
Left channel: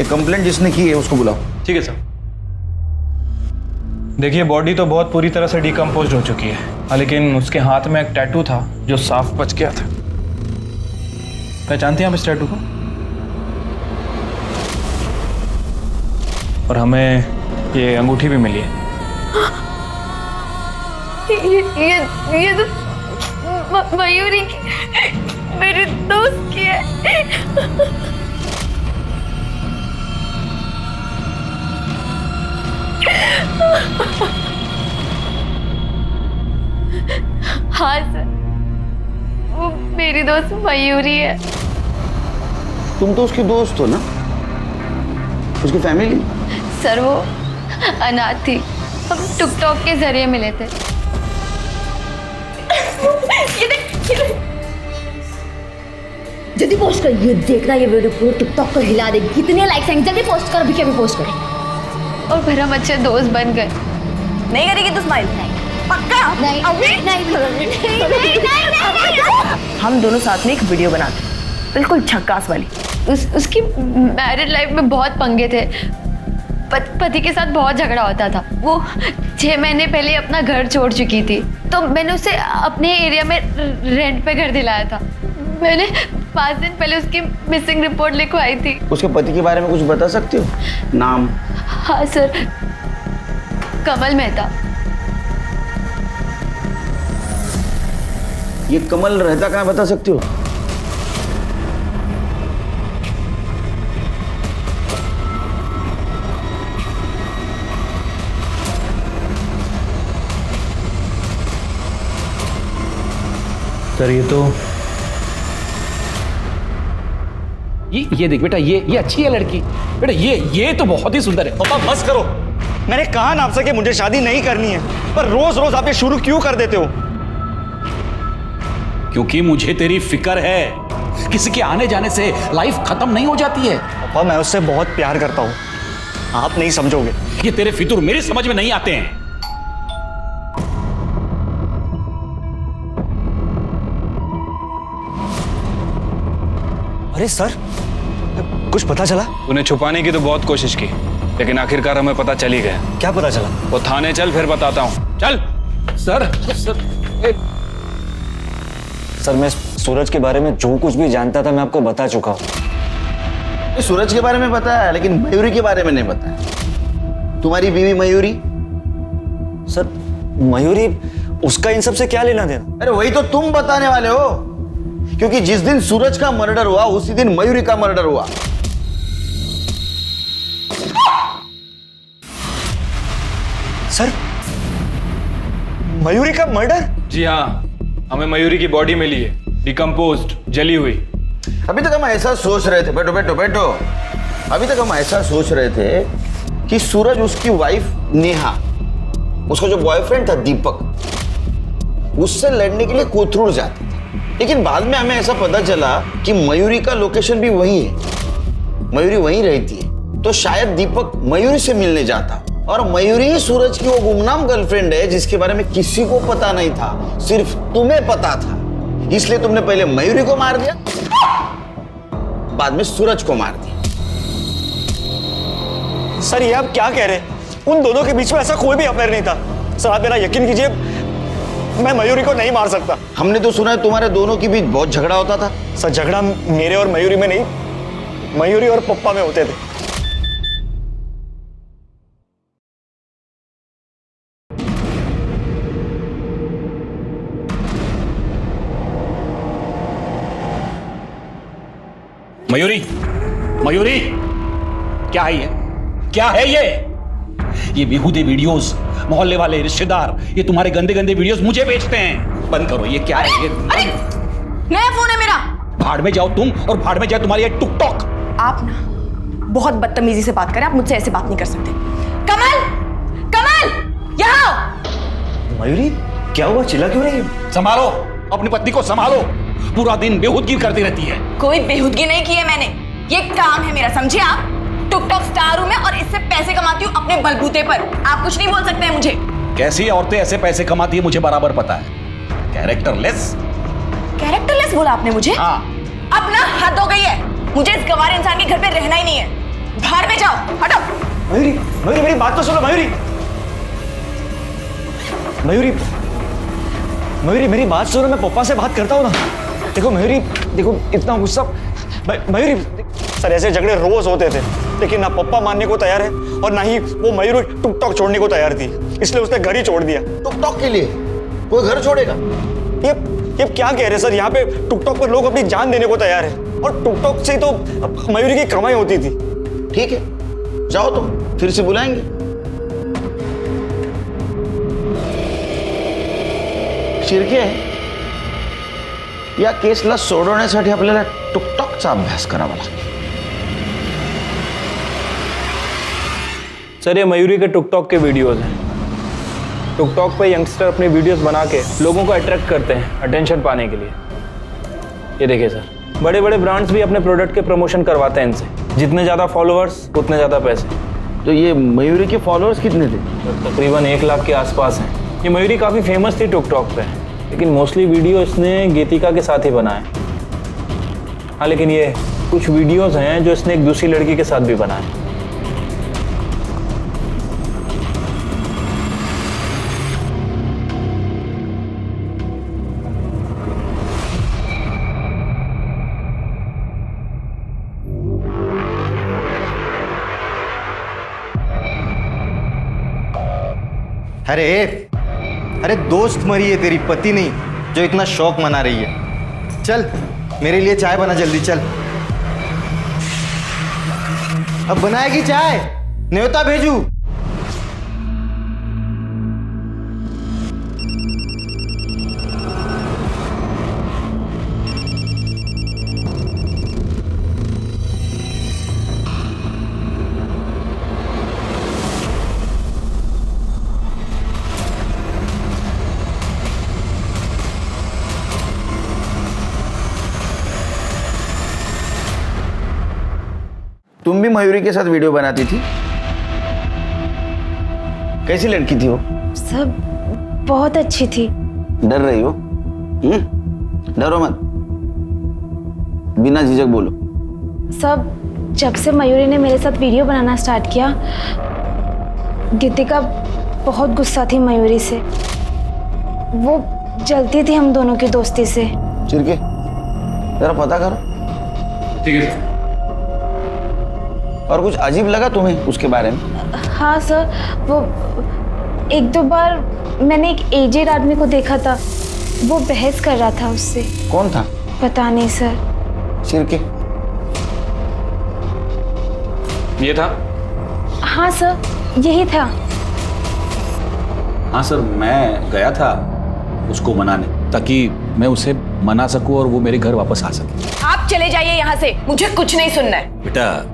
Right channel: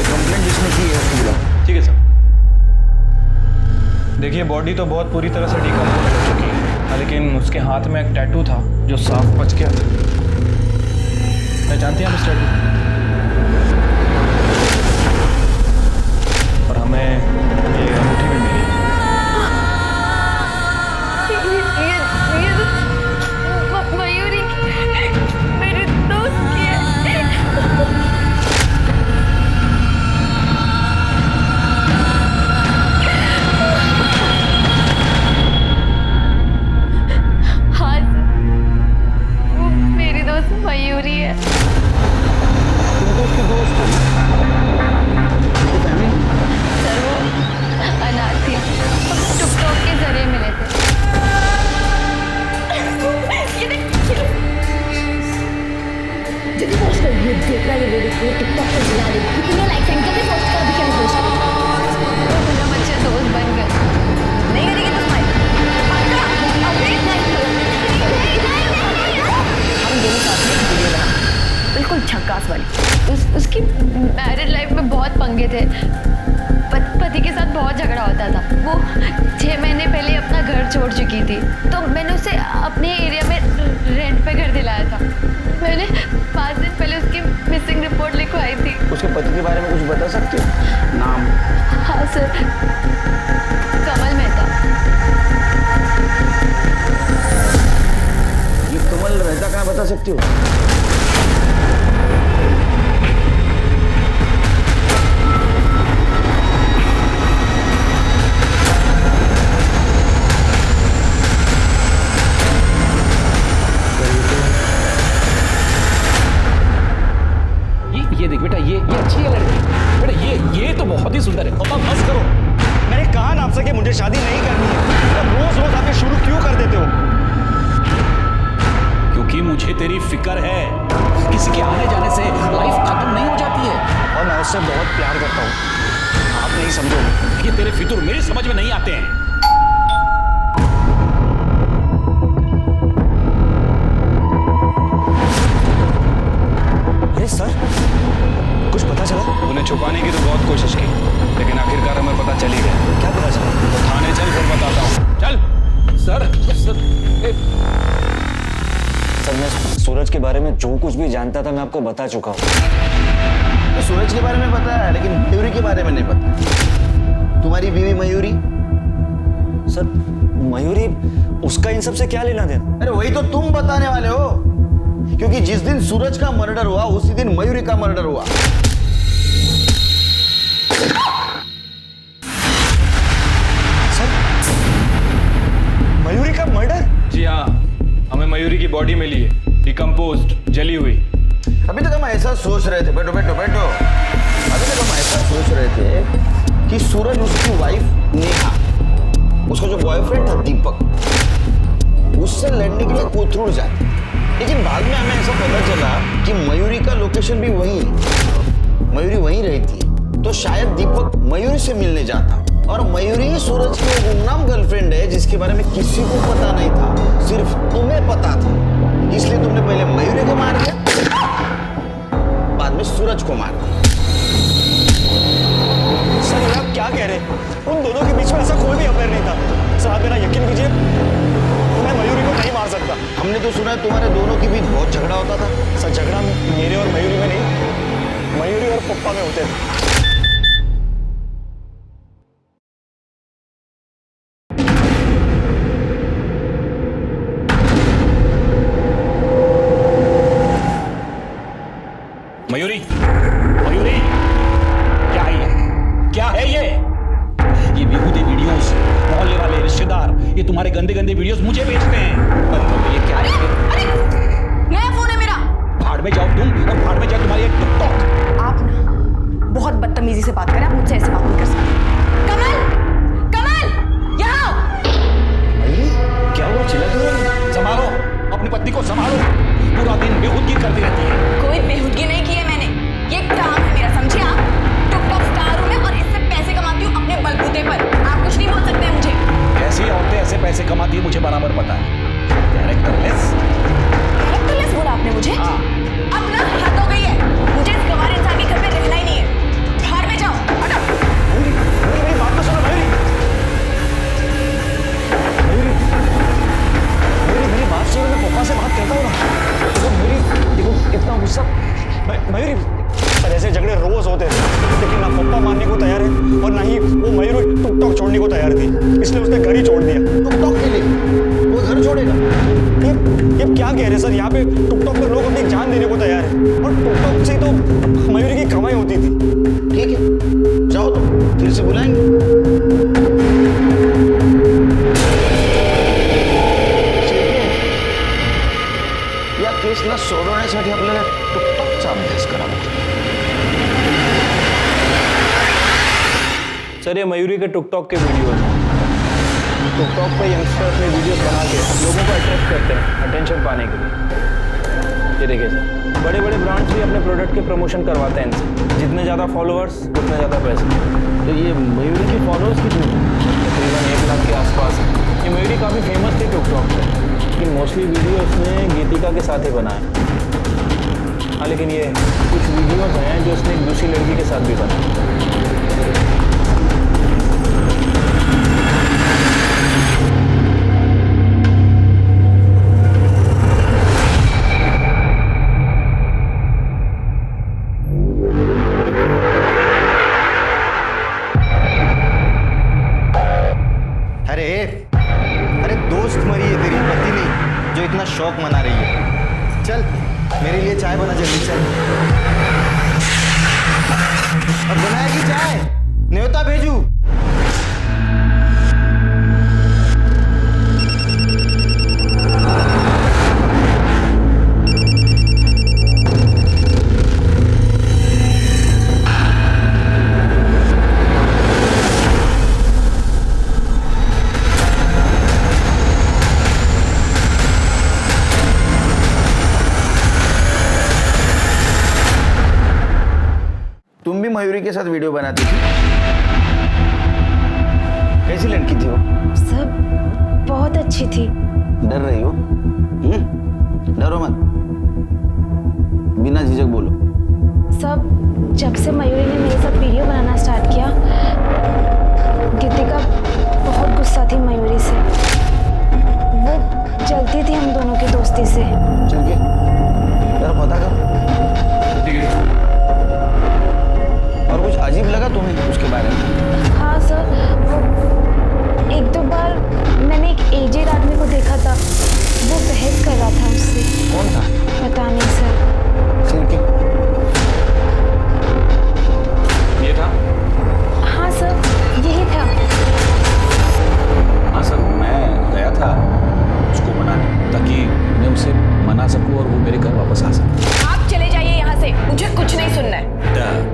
ये कंप्लेंट जिसने की है उसको बुलाओ। ठीक है सर। देखिए बॉडी तो बहुत पूरी तरह से डिकम्पोज हो चुकी है, लेकिन उसके हाथ में एक टैटू था जो साफ बच गया था। पहचानते हैं आप इस टैटू को? और हमें ये अंगूठी भी मिली है। ये तो मयूरी की, मेरे दोस्त की है। हाँ सर, वो मेरी दोस्त मयूरी है। तुम तो उसकी दोस्त हो ना? उसकी फैमिली? सर वो अनाथ थी, हम टिकटॉक के जरिए मिले थे। जल्दी पोस्ट कर, ये देखना ये वीडियो पूरे टिकटॉक पर हिला दे। कितने लाइक्स आएंगे, जल्दी पोस्ट कर, अभी अभी पोस्ट कर। और फिर हम अच्छे दोस्त बन गए। नहीं करेगी तो स्माइल पक्का? नहीं नहीं हम दोनों साथ में एक वीडियो बनाते, बिल्कुल झक्कास वाली। उसकी मैरिड लाइफ में बहुत पंगे थे। पति के साथ बहुत झगड़ा होता था। वो 6 महीने पहले अपना घर छोड़ चुकी थी, तो मैंने उसे अपने एरिया में रेंट पे घर दिलाया था। मैंने 5 दिन पहले उसकी मिसिंग रिपोर्ट लिखवाई थी। उसके पति के बारे में कुछ बता सकते हो? नाम? हाँ सर, कमल मेहता। ये कमल रहता कहाँ बता सकते हो? सर ये देख बेटा, ये अच्छी है लड़की। बेटा ये तो बहुत ही सुंदर है। पापा बस करो, मैंने कहा ना आपसे कि मुझे शादी नहीं करनी है, पर रोज रोज आप ये शुरू क्यों कर देते हो? क्योंकि मुझे तेरी फिक्र है। किसी के आने जाने से लाइफ खत्म नहीं हो जाती है। पापा मैं उससे बहुत प्यार करता हूँ, आप नहीं समझोगे। ये तेरे फितूर मेरी समझ में नहीं आते हैं। अरे सर, कुछ पता चला? उन्हें छुपाने की तो बहुत कोशिश की, लेकिन आखिरकार हमें पता चल ही गया। क्या पता चला? वो थाने चल, फिर बताता हूँ। चल। सर सर मैं सूरज के बारे में जो कुछ भी जानता था मैं आपको बता चुका हूँ। सूरज के बारे में पता है, लेकिन मयूरी के बारे में नहीं पता है। तुम्हारी बीवी मयूरी? सर मयूरी, उसका इन सब से क्या लेना देना? अरे वही तो तुम बताने वाले हो, क्योंकि जिस दिन सूरज का मर्डर हुआ उसी दिन मयूरी का मर्डर हुआ। सर मयूरी का मर्डर? जी हाँ, हमें मयूरी की बॉडी मिली है, डिकम्पोज्ड, जली हुई। अभी तक हम ऐसा सोच रहे थे, बैठो बैठो बैठो। अभी तक हम ऐसा सोच रहे थे कि सूरज उसकी वाइफ नेहा, उसका जो बॉयफ्रेंड था दीपक, उससे लड़ने के लिए कोथरूड जाते थे। लेकिन बाद में हमें ऐसा पता चला कि मयूरी का लोकेशन भी वही है, मयूरी वहीं रहती है। तो शायद दीपक मयूरी से मिलने जाता, और मयूरी ही सूरज की वो गुमनाम गर्लफ्रेंड है जिसके बारे में किसी को पता नहीं था, सिर्फ तुम्हें पता था। इसलिए तुमने पहले मयूरी को मार दिया, बाद में सूरज को मार दिया। सर ये आप क्या कह रहे हैं? उन दोनों के बीच में ऐसा कोई भी अफेयर नहीं था। सर आप मेरा यकीन कीजिए, मैं मयूरी को नहीं मार सकता। हमने तो सुना है तुम्हारे दोनों के बीच बहुत झगड़ा होता था। सर झगड़ा मेरे और मयूरी में नहीं, मयूरी और पप्पा में होते थे। मयूरी, मयूरी, क्या है ये? क्या है ये? ये बेहूदे वीडियोस, मोहल्ले वाले रिश्तेदार ये तुम्हारे गंदे गंदे वीडियोस मुझे भेजते हैं। बंद करो, ये क्या है? अरे नया फोन है मेरा। भाड़ में जाओ तुम, और भाड़ में जाए तुम्हारी ये टिकटॉक। आप ना बहुत बदतमीजी से बात करें, आप मुझसे ऐसे बात नहीं कर सकते। कमल, कमल, यहाँ आओ। मयूरी क्या हुआ, चिल्ला क्यों रही है? संभालो अपनी पत्नी को, संभालो। पूरा दिन बेहूदगी करती रहती है। कोई बेहूदगी नहीं की है मैंने, ये काम है मेरा, समझे आप? टिकटॉक स्टार हूं मैं और इससे पैसे कमाती हूँ अपने बलबूते पर। आप कुछ नहीं बोल सकते हैं मुझे। कैसी औरतें ऐसे पैसे कमाती है मुझे बराबर पता है। कैरेक्टरलेस। कैरेक्टरलेस बोला आपने मुझे? हाँ। अब ना हद हो गई है, मुझे इस गंवार इंसान के घर पे रहना ही नहीं है। तो सुनो मयूरी, मयूरी, मयूरी मेरी बात सुनो, मैं पप्पा से बात करता हूँ ना। देखो मयूरी, देखो इतना गुस्सा, मयूरी सर ऐसे झगड़े रोज होते थे, लेकिन ना पप्पा मानने को तैयार है और ना ही वो मयूरी टुकटॉक छोड़ने को तैयार थी, इसलिए उसने घर ही छोड़ दिया। टुकटॉक के लिए कोई घर छोड़ेगा? ये क्या कह रहे हैं सर, यहाँ पे टुकटॉक पर लोग अपनी जान देने को तैयार है और टुकटॉक से तो मयूरी की कमाई होती थी। ठीक है, जाओ तो फिर से बुलाएंगे। शिर्के या केसला सोडवण्यासाठी आपल्याला टुकटॉकचा अभ्यास करावा लागेल। सर ये मयूरी के टिकटॉक के वीडियोस हैं। टिकटॉक पे यंगस्टर अपनी वीडियोस बना के लोगों को अट्रैक्ट करते हैं अटेंशन पाने के लिए। ये देखिए सर, बड़े बड़े ब्रांड्स भी अपने प्रोडक्ट के प्रमोशन करवाते हैं इनसे। जितने ज़्यादा फॉलोअर्स उतने ज़्यादा पैसे। तो ये मयूरी के फॉलोअर्स कितने थे? सर तकरीबन 1 लाख के आसपास हैं। ये मयूरी काफ़ी फेमस थी टिकटॉक पे, लेकिन मोस्टली वीडियो इसने गीतिका के साथ ही बनाए। हाँ लेकिन ये कुछ वीडियोज़ हैं जो इसने एक दूसरी लड़की के साथ भी बनाए। अरे दोस्त मरी है तेरी, पति नहीं जो इतना शौक मना रही है। चल मेरे लिए चाय बना जल्दी, चल। अब बनाएगी चाय? न्योता भेजू? तुम भी मयूरी के साथ वीडियो बनाती थी? कैसी लड़की थी वो? सब बहुत अच्छी थी। डर रही हो? डरो मत, बिना झिझक बोलो। सब जब से मयूरी ने मेरे साथ वीडियो बनाना स्टार्ट किया, गीतिका बहुत गुस्सा थी मयूरी से। वो जलती थी हम दोनों की दोस्ती से। चिरके जरा पता करो। ठीक है। और कुछ अजीब लगा तुम्हें उसके बारे में? हाँ सर, वो 1-2 बार मैंने एक एजेड आदमी को देखा था, वो बहस कर रहा था उससे। कौन था? पता नहीं सर। चिरके ये था? हाँ सर, यही था। हाँ सर, मैं गया था उसको मनाने ताकि मैं उसे मना सकूं और वो मेरे घर वापस आ सके। आप चले जाइए यहाँ से, मुझे कुछ नहीं सुनना है। बेटा,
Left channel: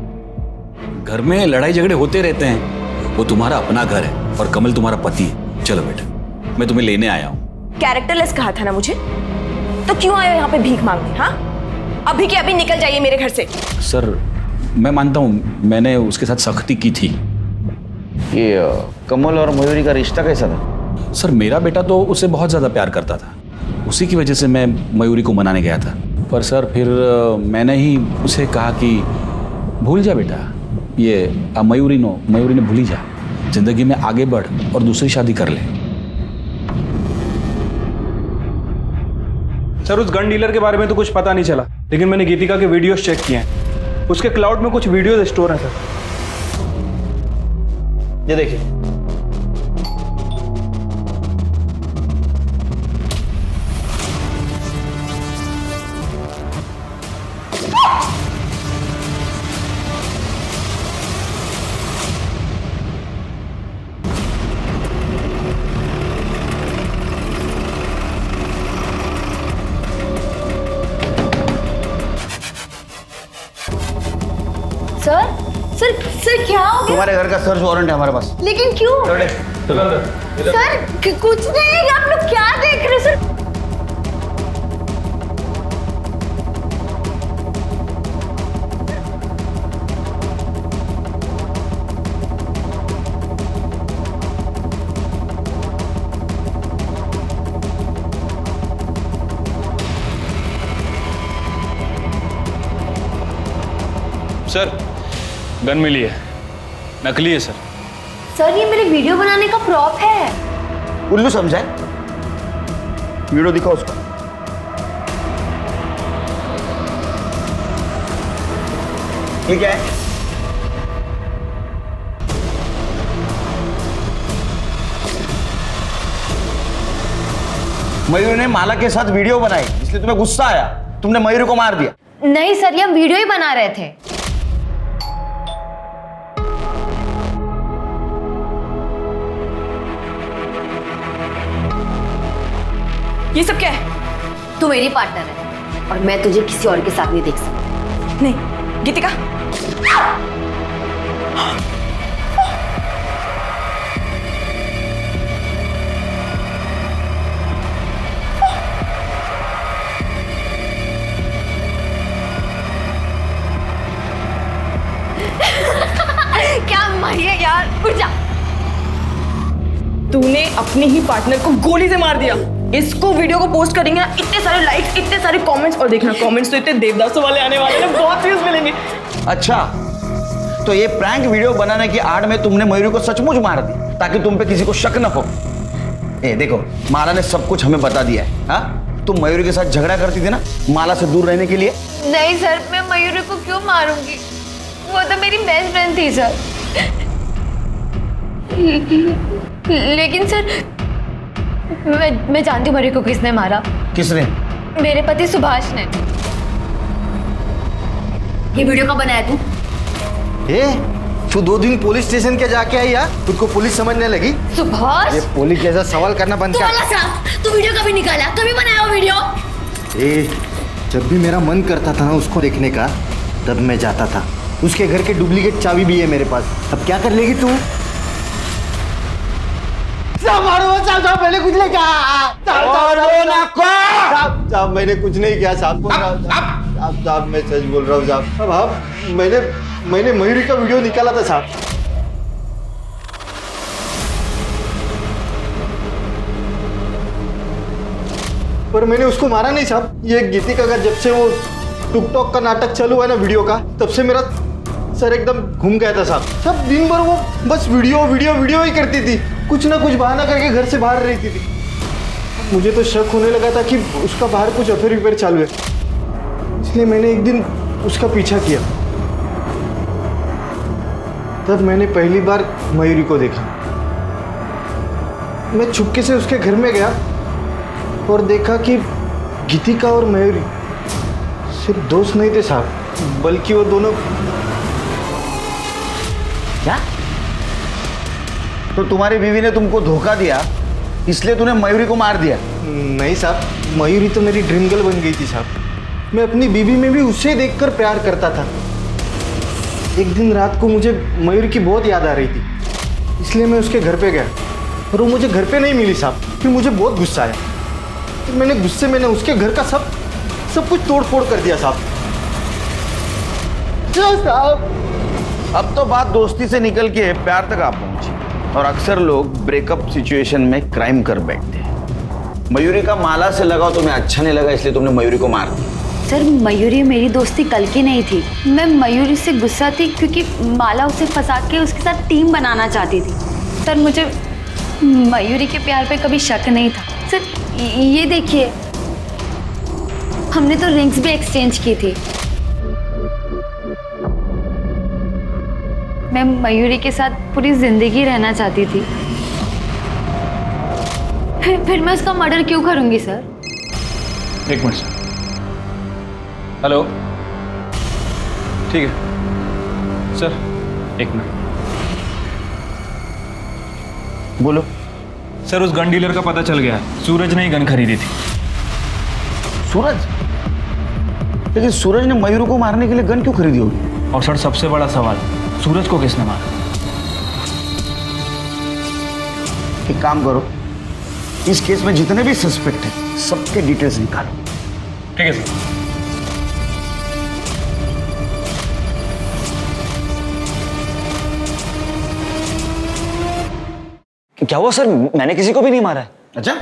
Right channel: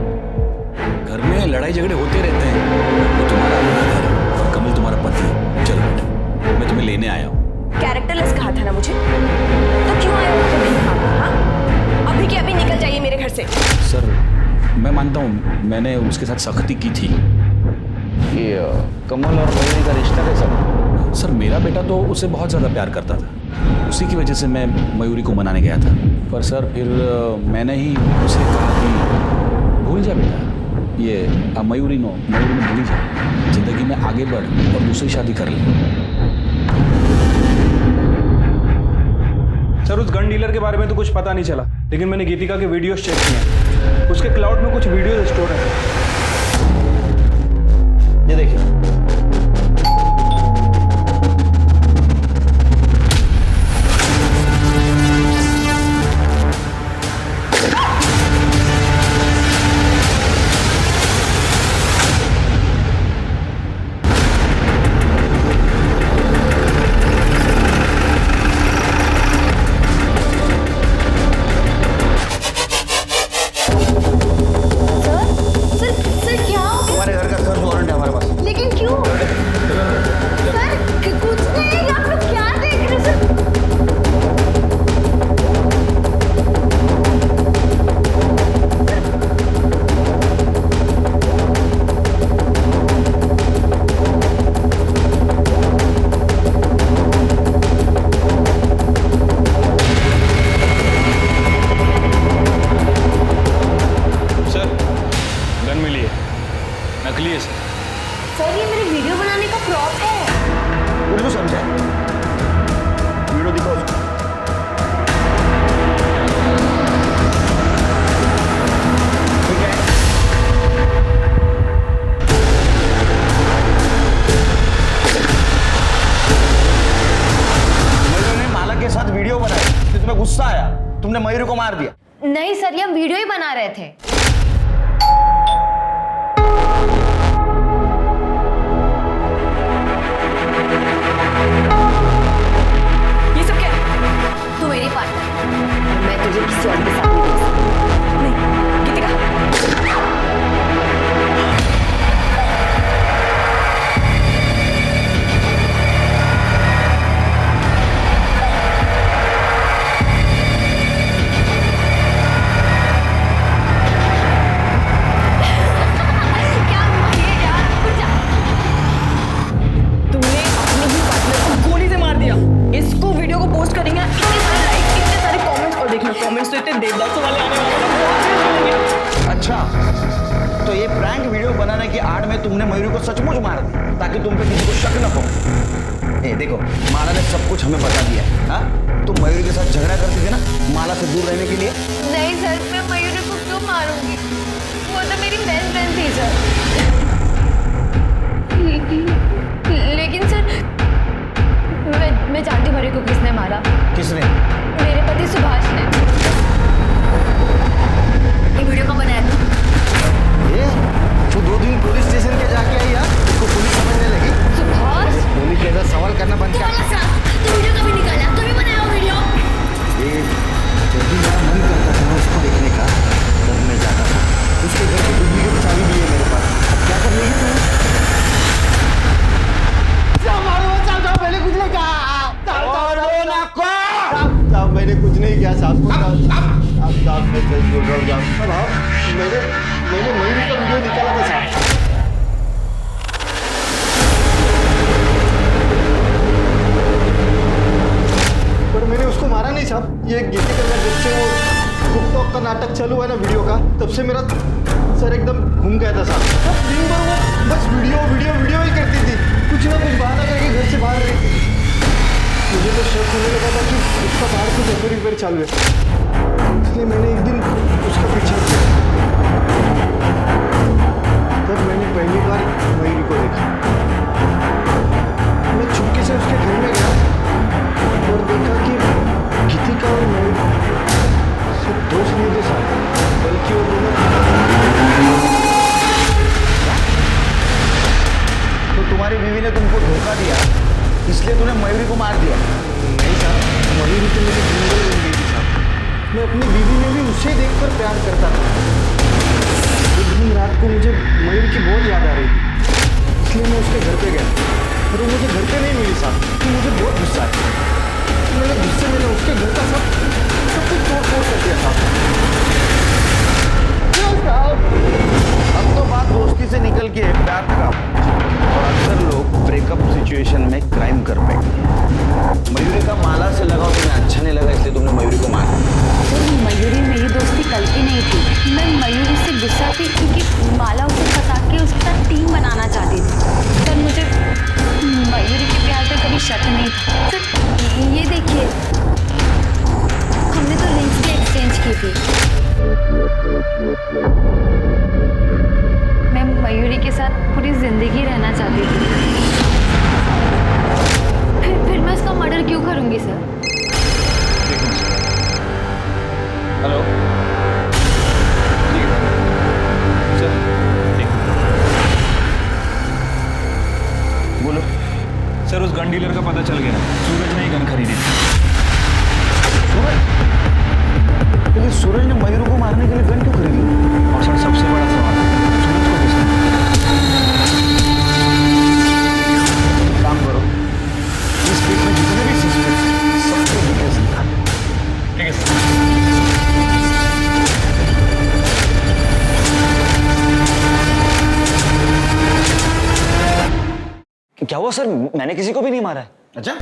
घर में लड़ाई झगड़े होते रहते हैं, वो तुम्हारा अपना घर है और कमल तुम्हारा पति है। चलो बेटा, मैं तुम्हें लेने आया हूँ। कैरेक्टरलेस कहा था ना मुझे, तो क्यों आए यहाँ पे भीख मांगने? हाँ, अभी के अभी निकल जाइए मेरे घर से। सर मैं मानता हूँ मैंने उसके साथ सख्ती की थी। ये कमल और मयूरी का रिश्ता कैसा था? सर मेरा बेटा तो उससे बहुत ज़्यादा प्यार करता था, उसी की वजह से मैं मयूरी को मनाने गया था। पर सर फिर मैंने ही उसे कहा कि भूल जा बेटा, ये मयूरी ने भूल ही जा, जिंदगी में आगे बढ़ और दूसरी शादी कर ले। सर उस गन डीलर के बारे में तो कुछ पता नहीं चला, लेकिन मैंने गीतिका के वीडियोस चेक किए हैं। उसके क्लाउड में कुछ वीडियोस स्टोर हैं सर। ये देखिए। सर क्या हो गया? तुम्हारे घर का सर्च वारंट है हमारे पास। लेकिन क्यों? सर कुछ नहीं, आप लोग क्या देख रहे सर? सर गन मिली है, नकली है सर। सर ये मेरे वीडियो बनाने का प्रॉप है। उल्लू समझा है? वीडियो दिखाओ उसको। ये क्या है? मयूरी ने माला के साथ वीडियो बनाई, इसलिए तुम्हें गुस्सा आया, तुमने मयूरी को मार दिया। नहीं सर, ये हम वीडियो ही बना रहे थे। ये सब क्या है? तू मेरी पार्टनर है और मैं तुझे किसी और के साथ नहीं देख सकती। नहीं गीतिका, क्या मारिए यार, उठ जा। तूने अपने ही पार्टनर को गोली से मार दिया। इसको वीडियो को पोस्ट करेंगे ना, इतने सारे लाइक्स, इतने सारे कमेंट्स, और देखना कमेंट्स तो इतने देवदासों वाले आने वाले हैं, बहुत व्यूज मिलेंगे। अच्छा, तो ये प्रैंक वीडियो बनाने की आड़ में तुमने मयूरी को सचमुच मार दी ताकि तुम पे किसी को शक न हो। ए देखो, माला ने सब कुछ हमें बता दिया है। हाँ, तुम मयूरी के साथ झगड़ा करती थी ना माला से दूर रहने के लिए। नहीं सर, मैं मयूरी को क्यों मारूंगी? वो तो मेरी बेस्ट फ्रेंड थी सर। लेकिन सर मैं जानती हूँ मयूरी को किसने मारा। किसने? मेरे पति सुभाष ने। ये वीडियो कब बनाया तू? तू 2 दिन पुलिस स्टेशन के जाके आई यार, तुझको पुलिस समझने लगी? सुभाष, ये पुलिस जैसा सवाल करना बंद तू कर। वाला साहब, तू वीडियो कभी निकाला? कभी बनाया वो वीडियो? जब भी मेरा मन करता था ना उसको देखने का, तब मैं जाता था। उसके घर की डुप्लीकेट चाबी भी है मेरे पास। अब क्या कर लेगी तू? साहब मैंने कुछ नहीं कहा। साहब मैंने कुछ नहीं किया साहब। साहब मैं सच बोल रहा हूँ साहब। अब मैंने मयूरी का वीडियो निकाला था साहब। पर मैंने उसको मारा नहीं साहब। ये गीतिका का जब से वो टिकटॉक का नाटक चालू है ना वीडियो का, तब से मेरा सर एकदम घूम गया था साहब। सब दिन भर वो बस वीडियो ही करती थी, कुछ ना कुछ बहाना करके घर से बाहर रहती थी। मुझे तो शक होने लगा था कि उसका बाहर कुछ अफेयर चालू है, इसलिए मैंने एक दिन उसका पीछा किया। तब मैंने पहली बार मयूरी को देखा। मैं चुपके से उसके घर में गया और देखा कि गीतिका और मयूरी सिर्फ दोस्त नहीं थे साहब, बल्कि वो दोनों। क्या? तो तुम्हारी बीवी ने तुमको धोखा दिया, इसलिए तूने मयूरी को मार दिया? नहीं साहब, मयूरी तो मेरी ड्रीम गर्ल बन गई थी साहब। मैं अपनी बीवी में भी उसे देखकर प्यार करता था। एक दिन रात को मुझे मयूरी की बहुत याद आ रही थी, इसलिए मैं उसके घर पे गया और वो मुझे घर पे नहीं मिली साहब। फिर मुझे बहुत गुस्सा आया। मैंने गुस्से में उसके घर का सब कुछ तोड़ फोड़ कर दिया साहब। अब तो बात दोस्ती से निकल के प्यार तक आ पहुंची, और अक्सर लोग ब्रेकअप सिचुएशन में क्राइम कर बैठते हैं। मयूरी का माला से लगाव तुम्हें अच्छा नहीं लगा, इसलिए तुमने मयूरी को मार दिया। सर मेरी मेरी दोस्ती कल की नहीं थी। मैं मयूरी से गुस्सा थी क्योंकि माला उसे फंसा के उसके साथ टीम बनाना चाहती थी। सर मुझे मयूरी के प्यार पे कभी शक नहीं था। सर ये देखिए, हमने तो रिंग्स भी एक्सचेंज की थी। मैं मयूरी के साथ पूरी जिंदगी रहना चाहती थी। फिर मैं उसका मर्डर क्यों करूंगी सर? एक मिनट। हेलो, ठीक है सर, एक मिनट। बोलो। सर उस गन डीलर का पता चल गया है, सूरज ने ही गन खरीदी थी। सूरज? लेकिन सूरज ने मयूरी को मारने के लिए गन क्यों खरीदी होगी? और सर सबसे बड़ा सवाल, सूरज को किसने मारा? एक काम करो, इस केस में जितने भी सस्पेक्ट हैं सबके डिटेल्स निकालो। ठीक है सर। क्या हुआ सर? मैंने किसी को भी नहीं मारा है। अच्छा,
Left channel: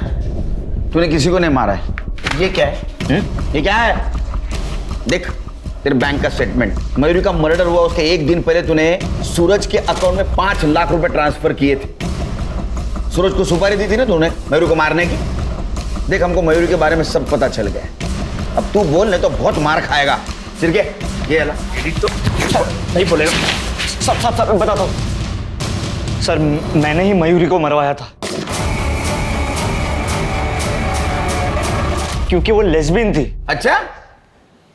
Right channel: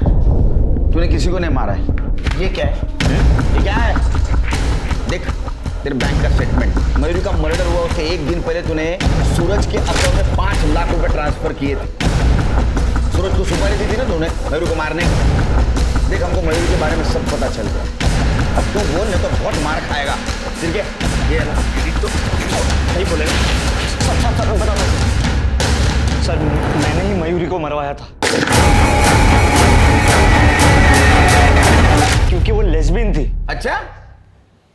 तूने किसी को नहीं मारा है? ये क्या है? ये क्या है? देख, तेरे बैंक का स्टेटमेंट। मयूरी का मर्डर हुआ उसके एक दिन पहले तूने सूरज के अकाउंट में 5 लाख रुपए ट्रांसफर किए थे। सूरज को सुपारी दी थी ना तूने मयूरी को मारने की। देख हमको मयूरी के बारे में सब पता चल गया। अब तू बोल नहीं तो बहुत मार खाएगा। सिरके ये अला तो नहीं बोलेगा। सर बताता हूँ सर, मैंने ही मयूरी को मरवाया था क्योंकि वो लेस्बियन थी। अच्छा,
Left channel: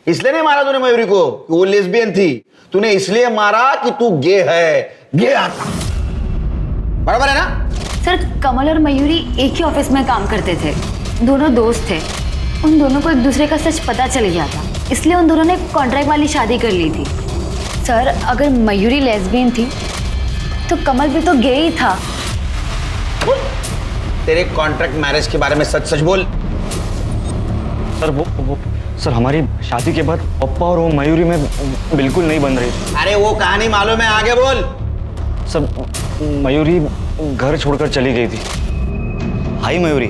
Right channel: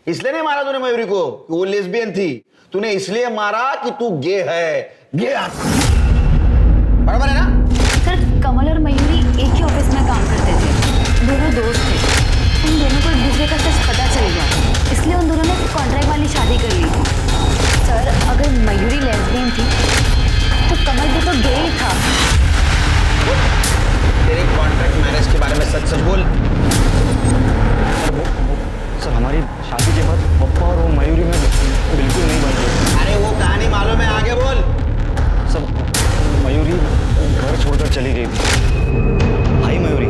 इसलिए नहीं मारा तूने मयूरी को कि वो लेस्बियन थी। तूने इसलिए मारा कि तू गे है। गे बराबर है ना? सर कमल और मयूरी एक ही ऑफिस में काम करते थे, दोनों दोस्त थे। उन दोनों को एक दूसरे का सच पता चल गया था, इसलिए उन दोनों ने कॉन्ट्रैक्ट वाली शादी कर ली थी। सर अगर मयूरी लेस्बियन थी तो कमल भी तो गे ही था। तेरे कॉन्ट्रैक्ट मैरिज के बारे में सच सच बोल। सर वो सर हमारी शादी के बाद पप्पा और वो मयूरी में बिल्कुल नहीं बन रही। अरे वो कहानी मालूम है, आगे बोल। सर मयूरी घर छोड़कर चली गई थी। हाय मयूरी,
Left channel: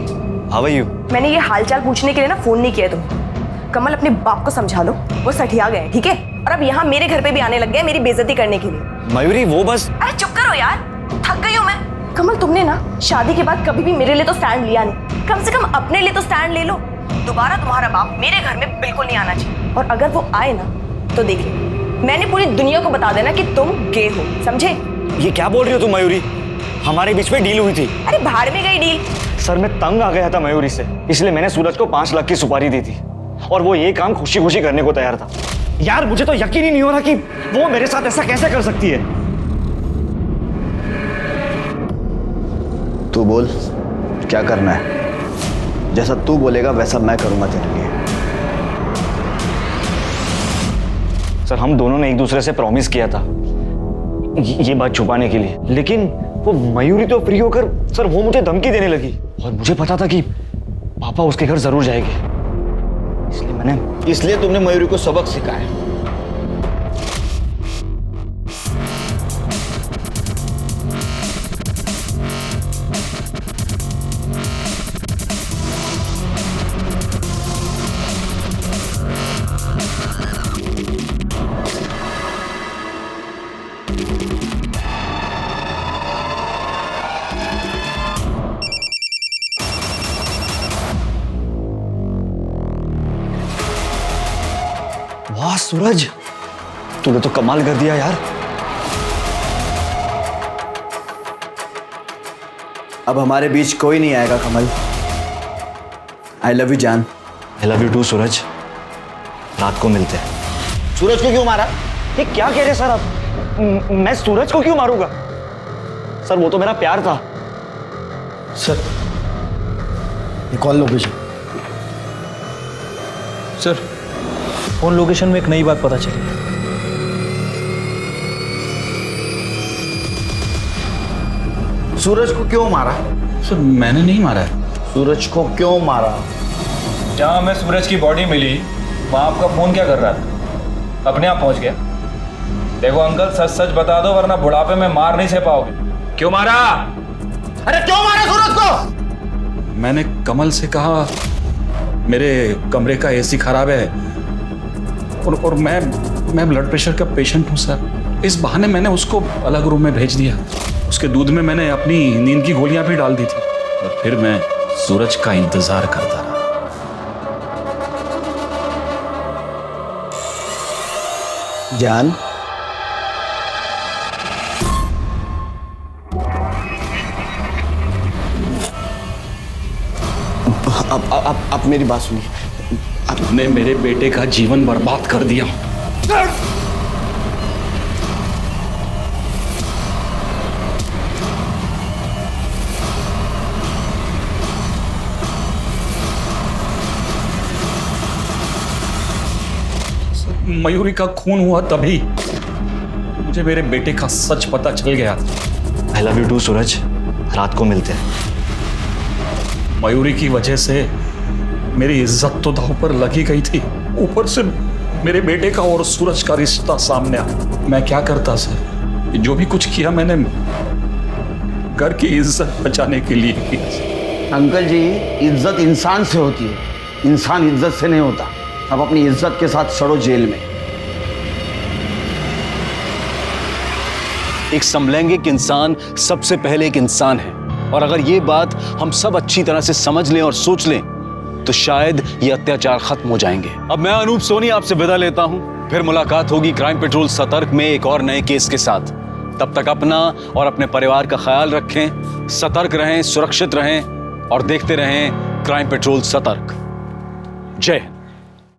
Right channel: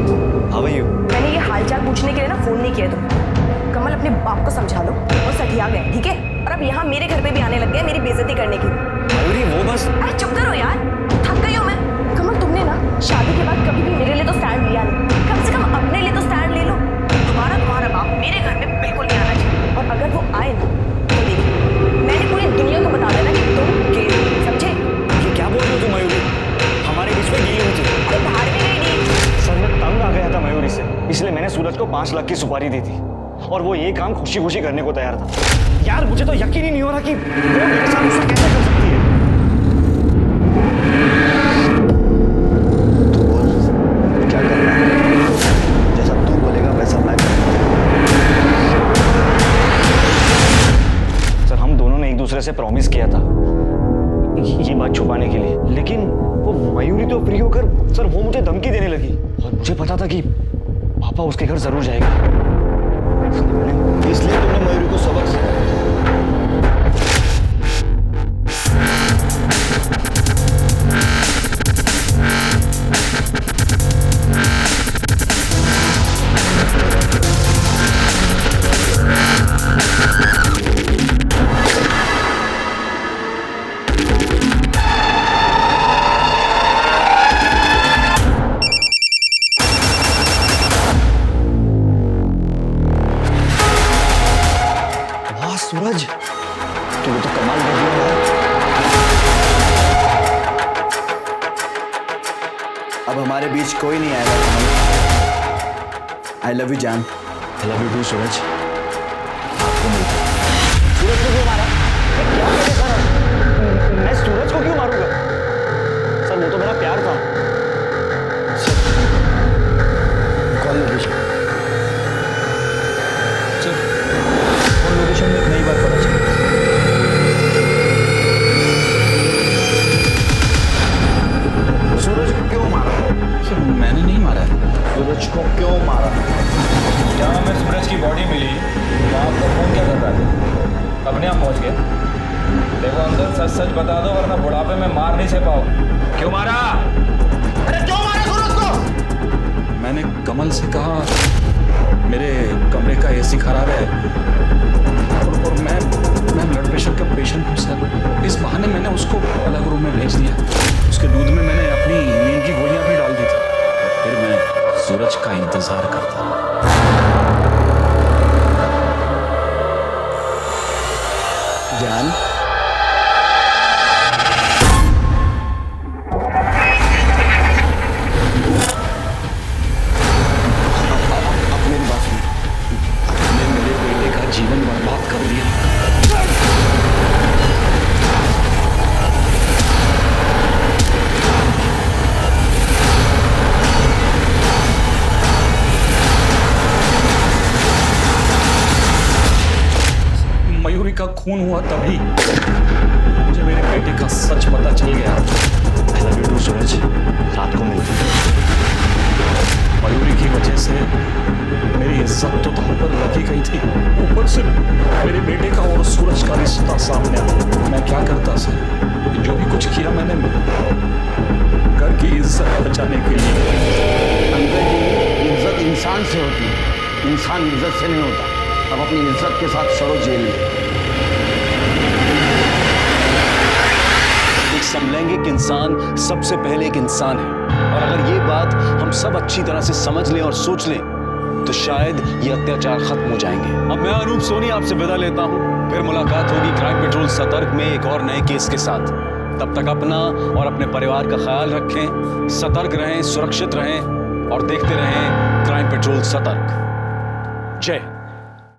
हाउ आर यू? मैंने ये हालचाल पूछने के लिए ना फोन नहीं किया तुम। कमल अपने बाप को समझा लो, वो सठिया गए, ठीक है? और अब यहाँ मेरे घर पे भी आने लग गए मेरी बेइज्जती करने के लिए। मयूरी वो बस। अरे चुप करो यार, थक गई हूँ मैं। कमल तुमने ना शादी के बाद कभी भी मेरे लिए तो स्टैंड लिया नहीं, कम से कम अपने लिए तो स्टैंड ले लो। दोबारा तुम्हारा बाप मेरे घर में बिल्कुल नहीं आना चाहिए, और अगर वो आए ना तो देखिए मैंने पूरी दुनिया को बता देना कि तुम गे हो, समझे? ये क्या बोल रही हो तुम मयूरी? हमारे बीच में डील हुई थी। अरे भाड़ में गई डील। सर मैं तंग आ गया था मयूरी से, इसलिए मैंने सूरज को 5 लाख की सुपारी दी थी और वो ये काम खुशी खुशी करने को तैयार था। यार मुझे तो यकीन ही नहीं हो रहा कि वो मेरे साथ ऐसा कैसे कर सकती है। तू बोल क्या करना है, जैसा तू बोलेगा वैसा मैं करूंगा तेरे लिए। सर हम दोनों ने एक दूसरे से प्रॉमिस किया था ये बात छुपाने के लिए, लेकिन वो मयूरी तो फ्री होकर सर वो मुझे धमकी देने लगी और मुझे पता था कि पापा उसके घर जरूर जाएंगे, इसलिए तुमने मयूरी को सबक सिखाया। वाह सूरज, तूने तो कमाल कर दिया यार। अब हमारे बीच कोई नहीं आएगा कमल। आई लव यू जान। आई लव यू टू सूरज। रात को मिलते हैं। सूरज को क्यों मारा? ये क्या कह रहे सर आप? मैं सूरज को क्यों मारूंगा? सर वो तो मेरा प्यार था। Sir call location. Sir phone location में एक नई बात पता चली। सूरज को क्यों मारा? सर मैंने नहीं मारा है। सूरज को क्यों मारा? जहाँ हमें सूरज की बॉडी मिली वहाँ आपका फोन क्या कर रहा था? अपने आप पहुँच गया। देखो अंकल सच सच बता दो वरना बुढ़ापे में मार नहीं सह पाओगे। क्यों मारा? अरे क्यों मारा सूरज को? मैंने कमल से कहा मेरे कमरे का एसी खराब है और मैं ब्लड प्रेशर का पेशेंट हूँ सर। इस बहाने मैंने उसको अलग रूम में भेज दिया। उसके दूध में मैंने अपनी नींद की गोलियां भी डाल दी थी और फिर मैं सूरज का इंतजार करता रहा। जान अब मेरी बात सुन। तुमने मेरे बेटे का जीवन बर्बाद कर दिया। मयूरी का खून हुआ तभी मुझे मेरे बेटे का सच पता चल गया। आई लव यू टू सूरज। रात को मिलते हैं। मयूरी की वजह से मेरी इज्जत तो दांव पर लगी गई थी, ऊपर से मेरे बेटे का और सूरज का रिश्ता सामने आ। मैं क्या करता सर? जो भी कुछ किया मैंने घर की इज्जत बचाने के लिए की। अंकल जी इज्जत इंसान से होती है, इंसान इज्जत से नहीं होता। अब अपनी इज्जत के साथ सड़ो जेल में। एक समलैंगिक इंसान सबसे पहले एक इंसान है, और अगर ये बात हम सब अच्छी तरह से समझ लें और सोच लें तो शायद ये अत्याचार खत्म हो जाएंगे। अब मैं अनूप सोनी आपसे विदा लेता हूं, फिर मुलाकात होगी क्राइम पेट्रोल सतर्क में एक और नए केस के साथ। तब तक अपना और अपने परिवार का ख्याल रखें, सतर्क रहें, सुरक्षित रहें और देखते रहें क्राइम पेट्रोल सतर्क। जय हिंद।